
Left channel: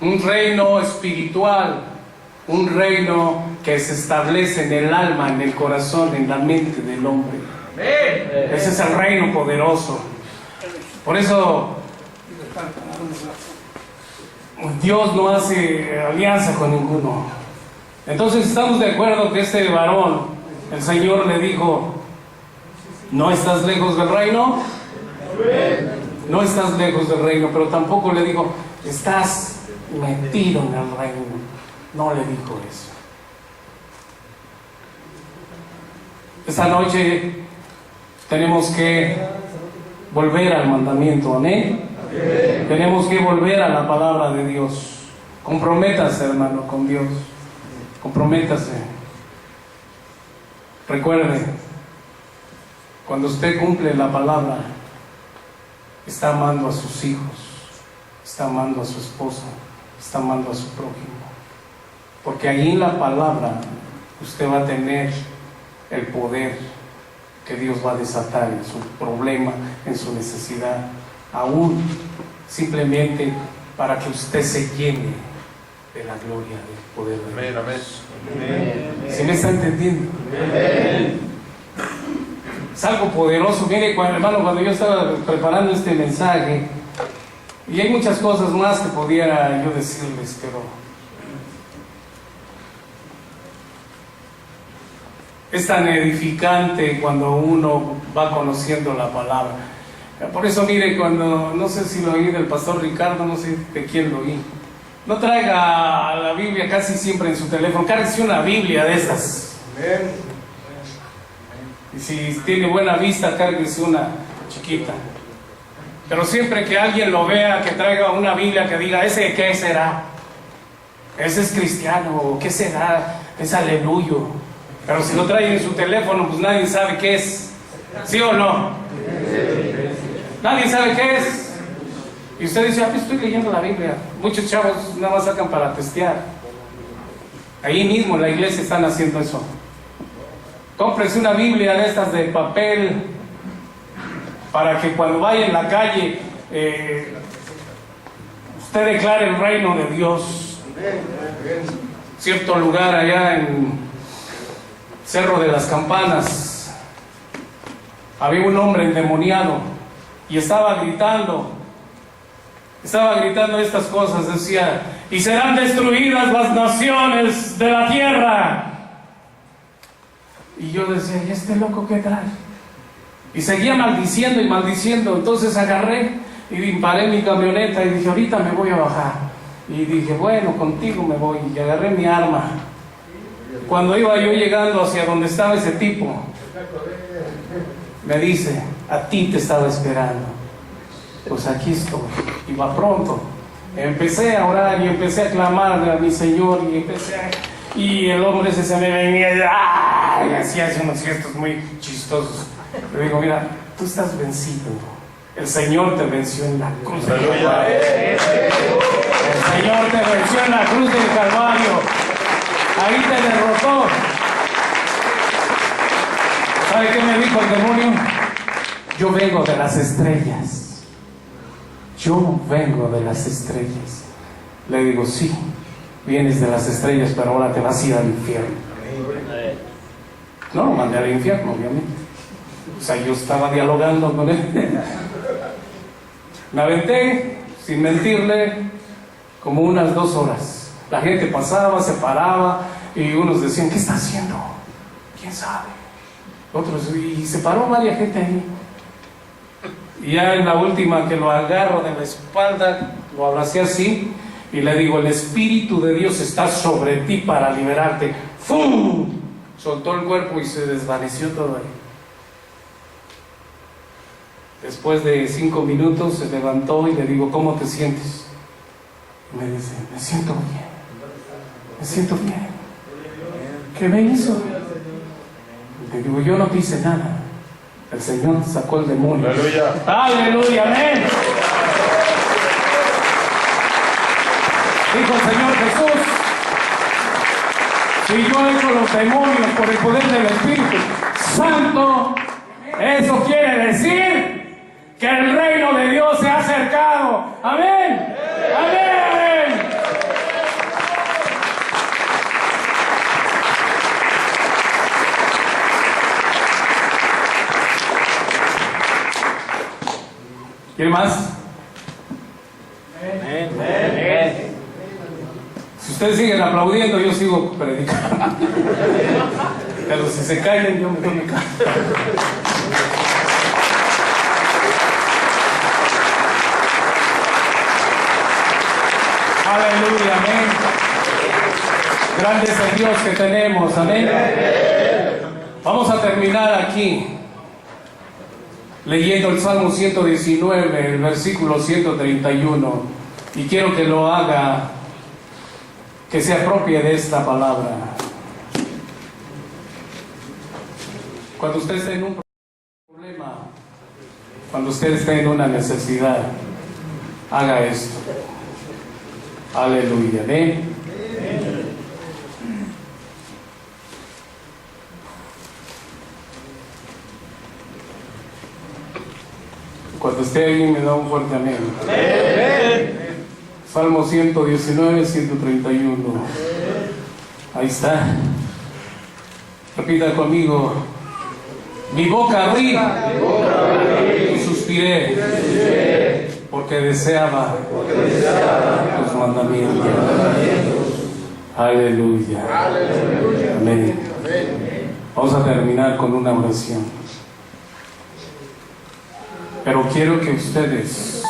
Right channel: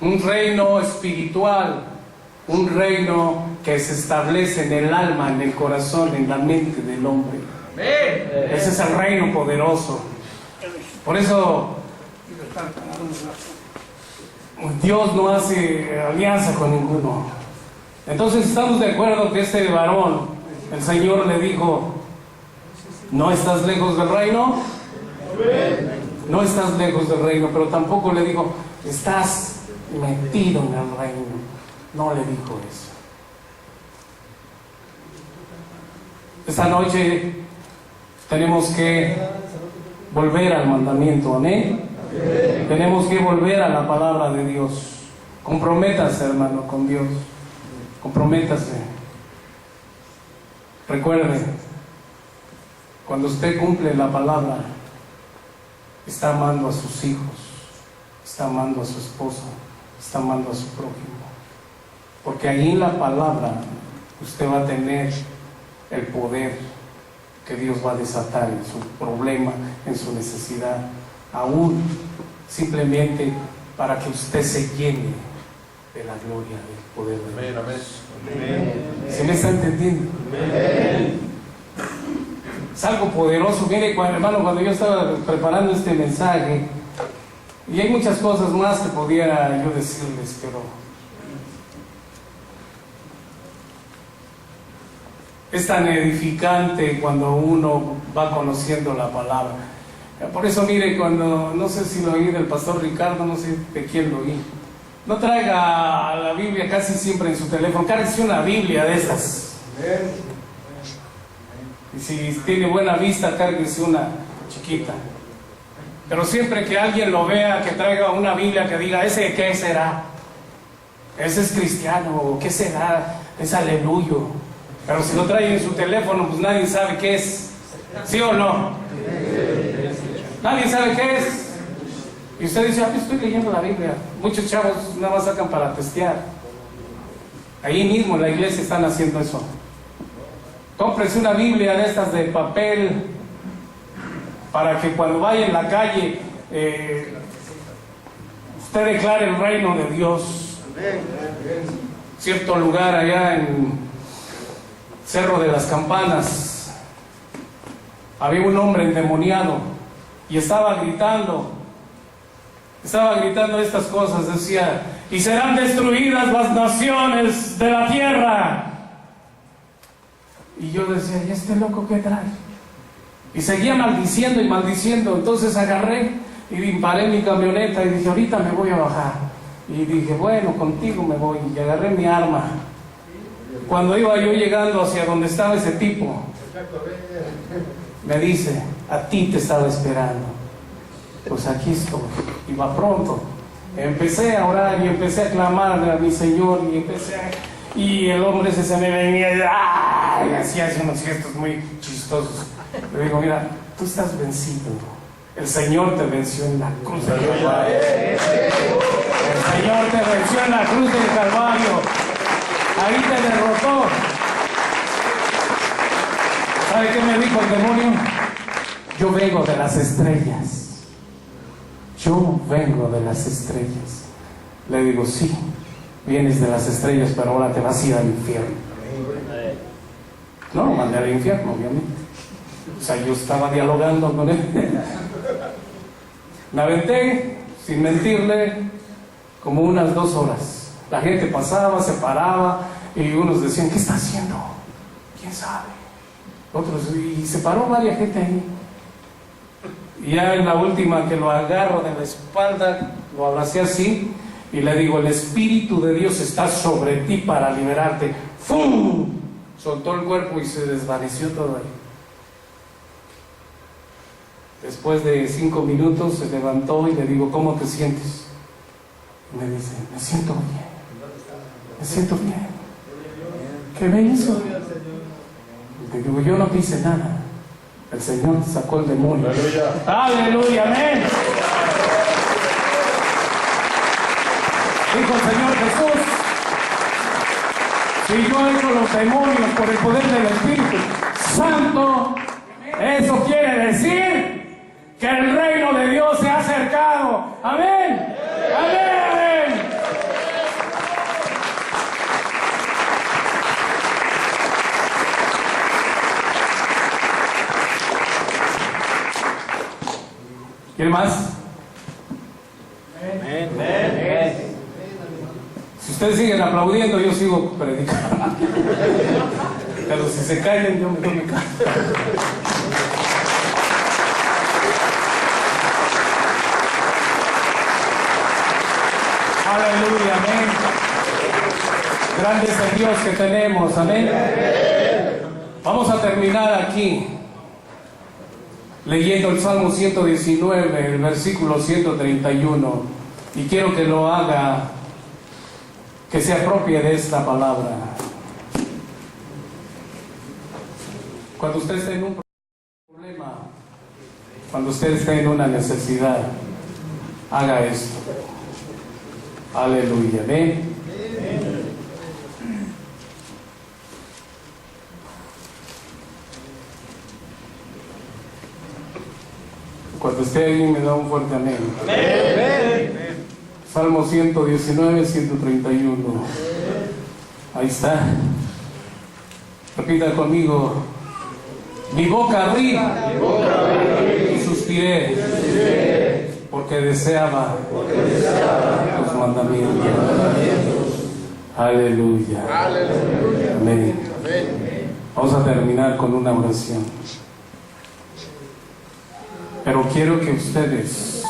un reino espiritual, un reino que se establece en el alma, en el corazón, en la mente del hombre. Ese es el reino poderoso. Por eso Dios no hace alianza con ninguno. Entonces estamos de acuerdo que este varón, el Señor le dijo: ¿no estás lejos del reino? No estás lejos del reino, pero tampoco le dijo: estás metido en el reino. No le dijo eso. Esta noche tenemos que volver al mandamiento, amén. Tenemos que volver a la palabra de Dios. Comprométase, hermano, con Dios. Comprométase. Recuerde, cuando usted cumple la palabra, está amando a sus hijos, está amando a su esposa, está amando a su prójimo. Porque ahí en la palabra usted va a tener el poder que Dios va a desatar en su problema, en su necesidad, aún simplemente para que usted se llene de la gloria del poder de Dios. ¿Se me está entendiendo? Es algo poderoso. Mire, hermano, cuando yo estaba preparando este mensaje, y hay muchas cosas más que pudiera yo decirles, pero es tan edificante cuando uno va conociendo la palabra. Por eso, mire, cuando, no sé si lo oí del pastor Ricardo, no sé de quién lo oí, no traiga la Biblia casi siempre en su teléfono, cárguese una Biblia de estas. Y si tiene buena vista, cárguese una chiquita. Pero siempre que alguien lo vea, que traiga una Biblia que diga: ¿ese qué será? ¿Ese es cristiano? ¿Qué será? Es aleluyo. Pero si lo trae en su teléfono, pues nadie sabe qué es. ¿Sí o no? Nadie sabe qué es. Y usted dice: estoy leyendo la Biblia. Muchos chavos nada más sacan para testear. Ahí mismo en la iglesia están haciendo eso. Cómprese una Biblia de estas de papel, para que cuando vaya en la calle usted declare el reino de Dios. Cierto lugar allá en Cerro de las Campanas, había un hombre endemoniado y estaba gritando estas cosas. Decía: y serán destruidas las naciones de la tierra. Y yo decía: ¿y este loco qué trae? Y seguía maldiciendo y maldiciendo. Entonces agarré y paré mi camioneta y dije: ahorita me voy a bajar. Y dije: bueno, contigo me voy. Y agarré mi arma. Cuando iba yo llegando hacia donde estaba ese tipo, me dice: a ti te estaba esperando. Pues aquí estoy. Y va pronto. Empecé a orar y empecé a clamarle a mi Señor y el hombre ese se me venía y hacía unos gestos muy chistosos. Le digo: mira, tú estás vencido. El Señor te venció en la cruz del Calvario. El Señor te venció en la cruz del Calvario. Ahí te derrotó. ¿Sabe qué me dijo el demonio? Yo vengo de las estrellas. Yo vengo de las estrellas. Le digo: sí, vienes de las estrellas, pero ahora te vas a ir al infierno. No lo mandé al infierno, obviamente. O sea, yo estaba dialogando con él. Me aventé, sin mentirle, como unas 2 horas. La gente pasaba, se paraba y unos decían: ¿qué está haciendo? ¿Quién sabe? Otros, y se paró varias gente ahí. Y ya en la última que lo agarro de la espalda, lo abracé así y le digo, el Espíritu de Dios está sobre ti para liberarte. ¡Fum! Soltó el cuerpo y se desvaneció todo ahí. Después de 5 minutos se levantó y le digo, ¿cómo te sientes? Y me dice, me siento bien. Me siento bien. ¿Qué me hizo? Y le digo, yo no te hice nada. El Señor sacó el demonio. ¡Aleluya! ¡Aleluya! ¡Amén! Dijo el Señor Jesús, si yo echo los demonios por el poder del Espíritu Santo, eso quiere decir que el reino de Dios se ha acercado. ¡Amén! ¡Amén! ¿Quiere más? Amén. Si ustedes siguen aplaudiendo, yo sigo predicando. Pero si se callan, yo me doy mi cara. Aleluya, amén. Grande es el Dios que tenemos, amén. Vamos a terminar aquí leyendo el Salmo 119, el versículo 131, y quiero que lo haga, que se apropie de esta palabra. Cuando usted esté en un problema, cuando usted esté en una necesidad, haga esto. Aleluya, amén. Cuando esté ahí me da un fuerte amén. Salmo 119, 131. Ahí está. Repita conmigo. Mi boca abrí y suspiré porque deseaba tus mandamientos. Aleluya. Amén. Vamos a terminar con una oración. Pero quiero que ustedes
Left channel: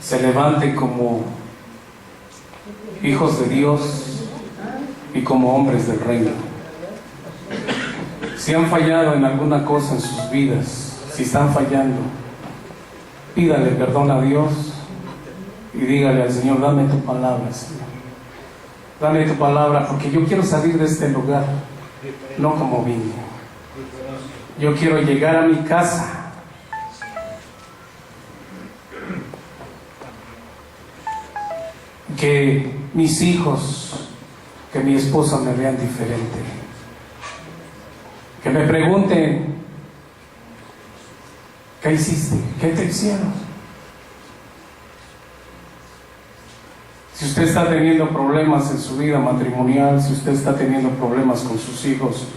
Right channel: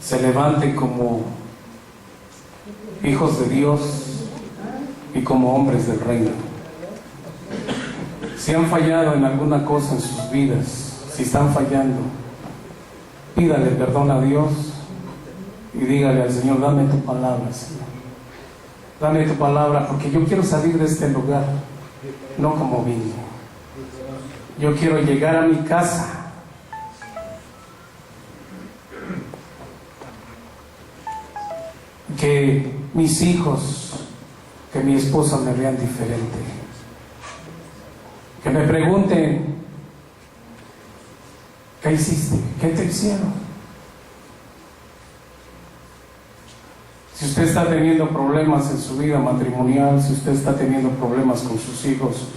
se levanten como hijos de Dios y como hombres del reino. Si han fallado en alguna cosa en sus vidas, si están fallando, pídale perdón a Dios y dígale al Señor, dame tu palabra, Señor. Dame tu palabra, porque yo quiero salir de este lugar, no como vine. Yo quiero llegar a mi casa que mis hijos, que mi esposa me vean diferente, que me pregunten, ¿qué hiciste? ¿Qué te hicieron? Si usted está teniendo problemas en su vida matrimonial, si usted está teniendo problemas con sus hijos,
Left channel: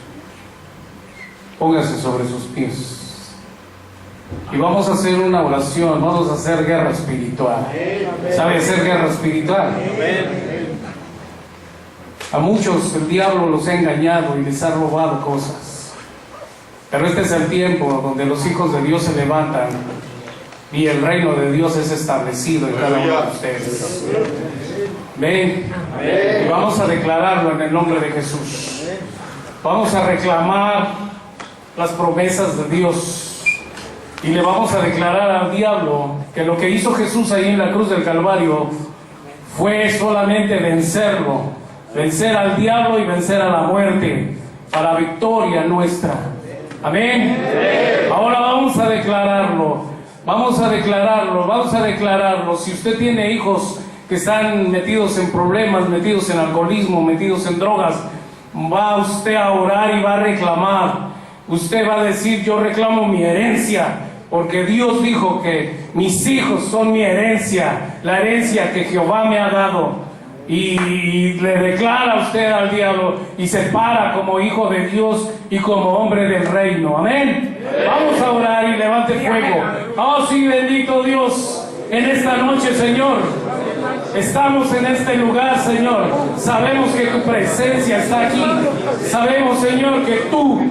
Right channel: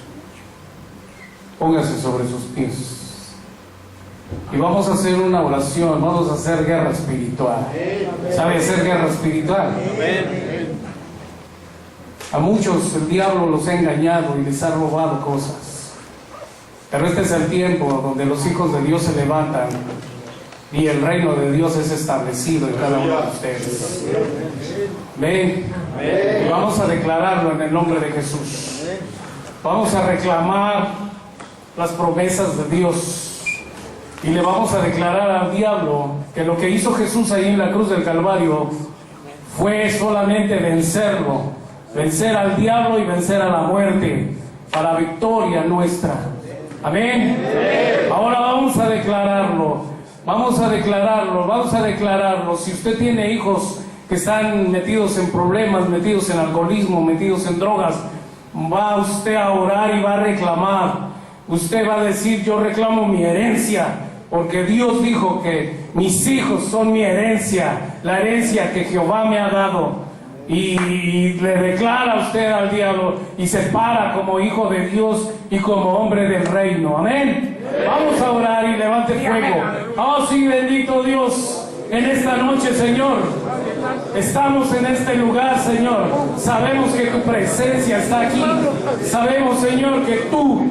póngase sobre sus pies. Y vamos a hacer una oración, vamos a hacer guerra espiritual. ¿Sabe hacer guerra espiritual? A muchos el diablo los ha engañado y les ha robado cosas. Pero este es el tiempo donde los hijos de Dios se levantan y el reino de Dios es establecido en cada uno de ustedes. Ven, y vamos a declararlo en el nombre de Jesús. Vamos a reclamar las promesas de Dios. Y le vamos a declarar al diablo que lo que hizo Jesús ahí en la cruz del Calvario fue solamente vencerlo, vencer al diablo y vencer a la muerte para victoria nuestra. Amén. Ahora vamos a declararlo, vamos a declararlo, vamos a declararlo. Si usted tiene hijos que están metidos en problemas, metidos en alcoholismo, metidos en drogas, va usted a orar y va a reclamar. Usted va a decir, yo reclamo mi herencia, porque Dios dijo que mis hijos son mi herencia, la herencia que Jehová me ha dado. Y le declara usted al diablo y se para como hijo de Dios y como hombre del reino. Amén. Vamos a orar y levante fuego. Oh sí, bendito Dios. en esta noche, Señor. Estamos en este lugar, Señor. Sabemos que tu presencia está aquí. Sabemos, Señor, que tú,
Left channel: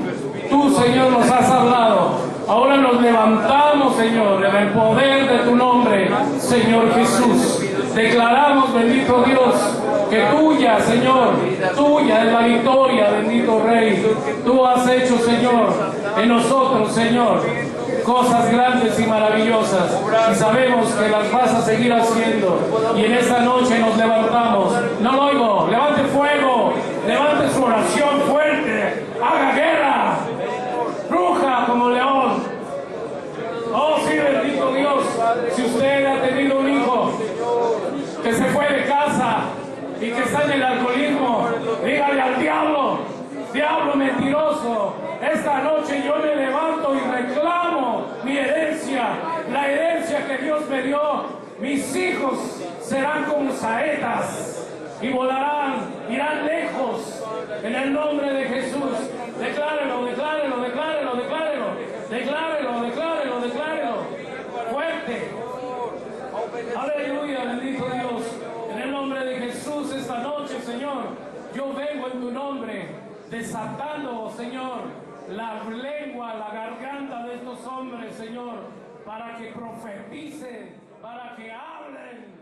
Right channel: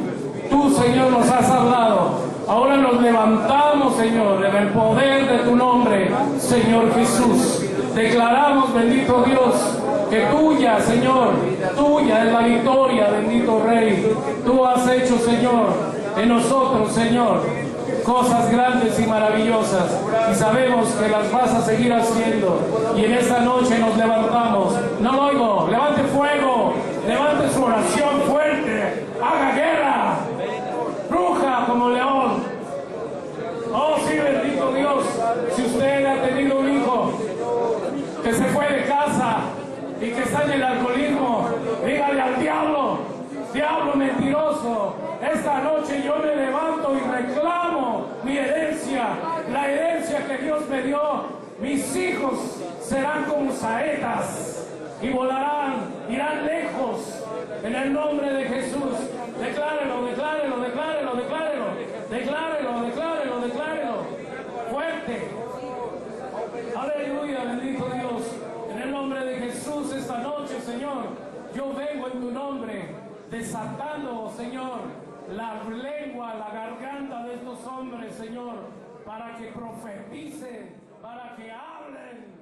Señor, nos has hablado. Ahora nos levantamos, Señor, en el poder de tu nombre, Señor Jesús. Declaramos, bendito Dios, que tuya, Señor, tuya es la victoria, bendito Rey. Tú has hecho, Señor, en nosotros, Señor, cosas grandes y maravillosas, y sabemos que las vas a seguir haciendo. Y en esta noche nos levantamos. No lo oigo. Levante fuego, levante su oración fuerte, haga guerra, ruja como león. Oh, sí, bendito Dios. Si usted ha tenido un hijo que se fue de casa y que está en el alcoholismo, dígale al diablo: diablo mentiroso, esta noche yo me levanto y reclamo mi herencia, la herencia que Dios me dio. Mis hijos serán como saetas y volarán, irán lejos, en el nombre de Jesús. Declárelo, declárelo, declárelo, declárelo, declárelo, declárelo, declárelo, fuerte. Aleluya, bendito Dios. En el nombre de Jesús esta noche, Señor, yo vengo en tu nombre, desatando, Señor, la lengua, la garganta de estos hombres, Señor, para que profeticen, para que hablen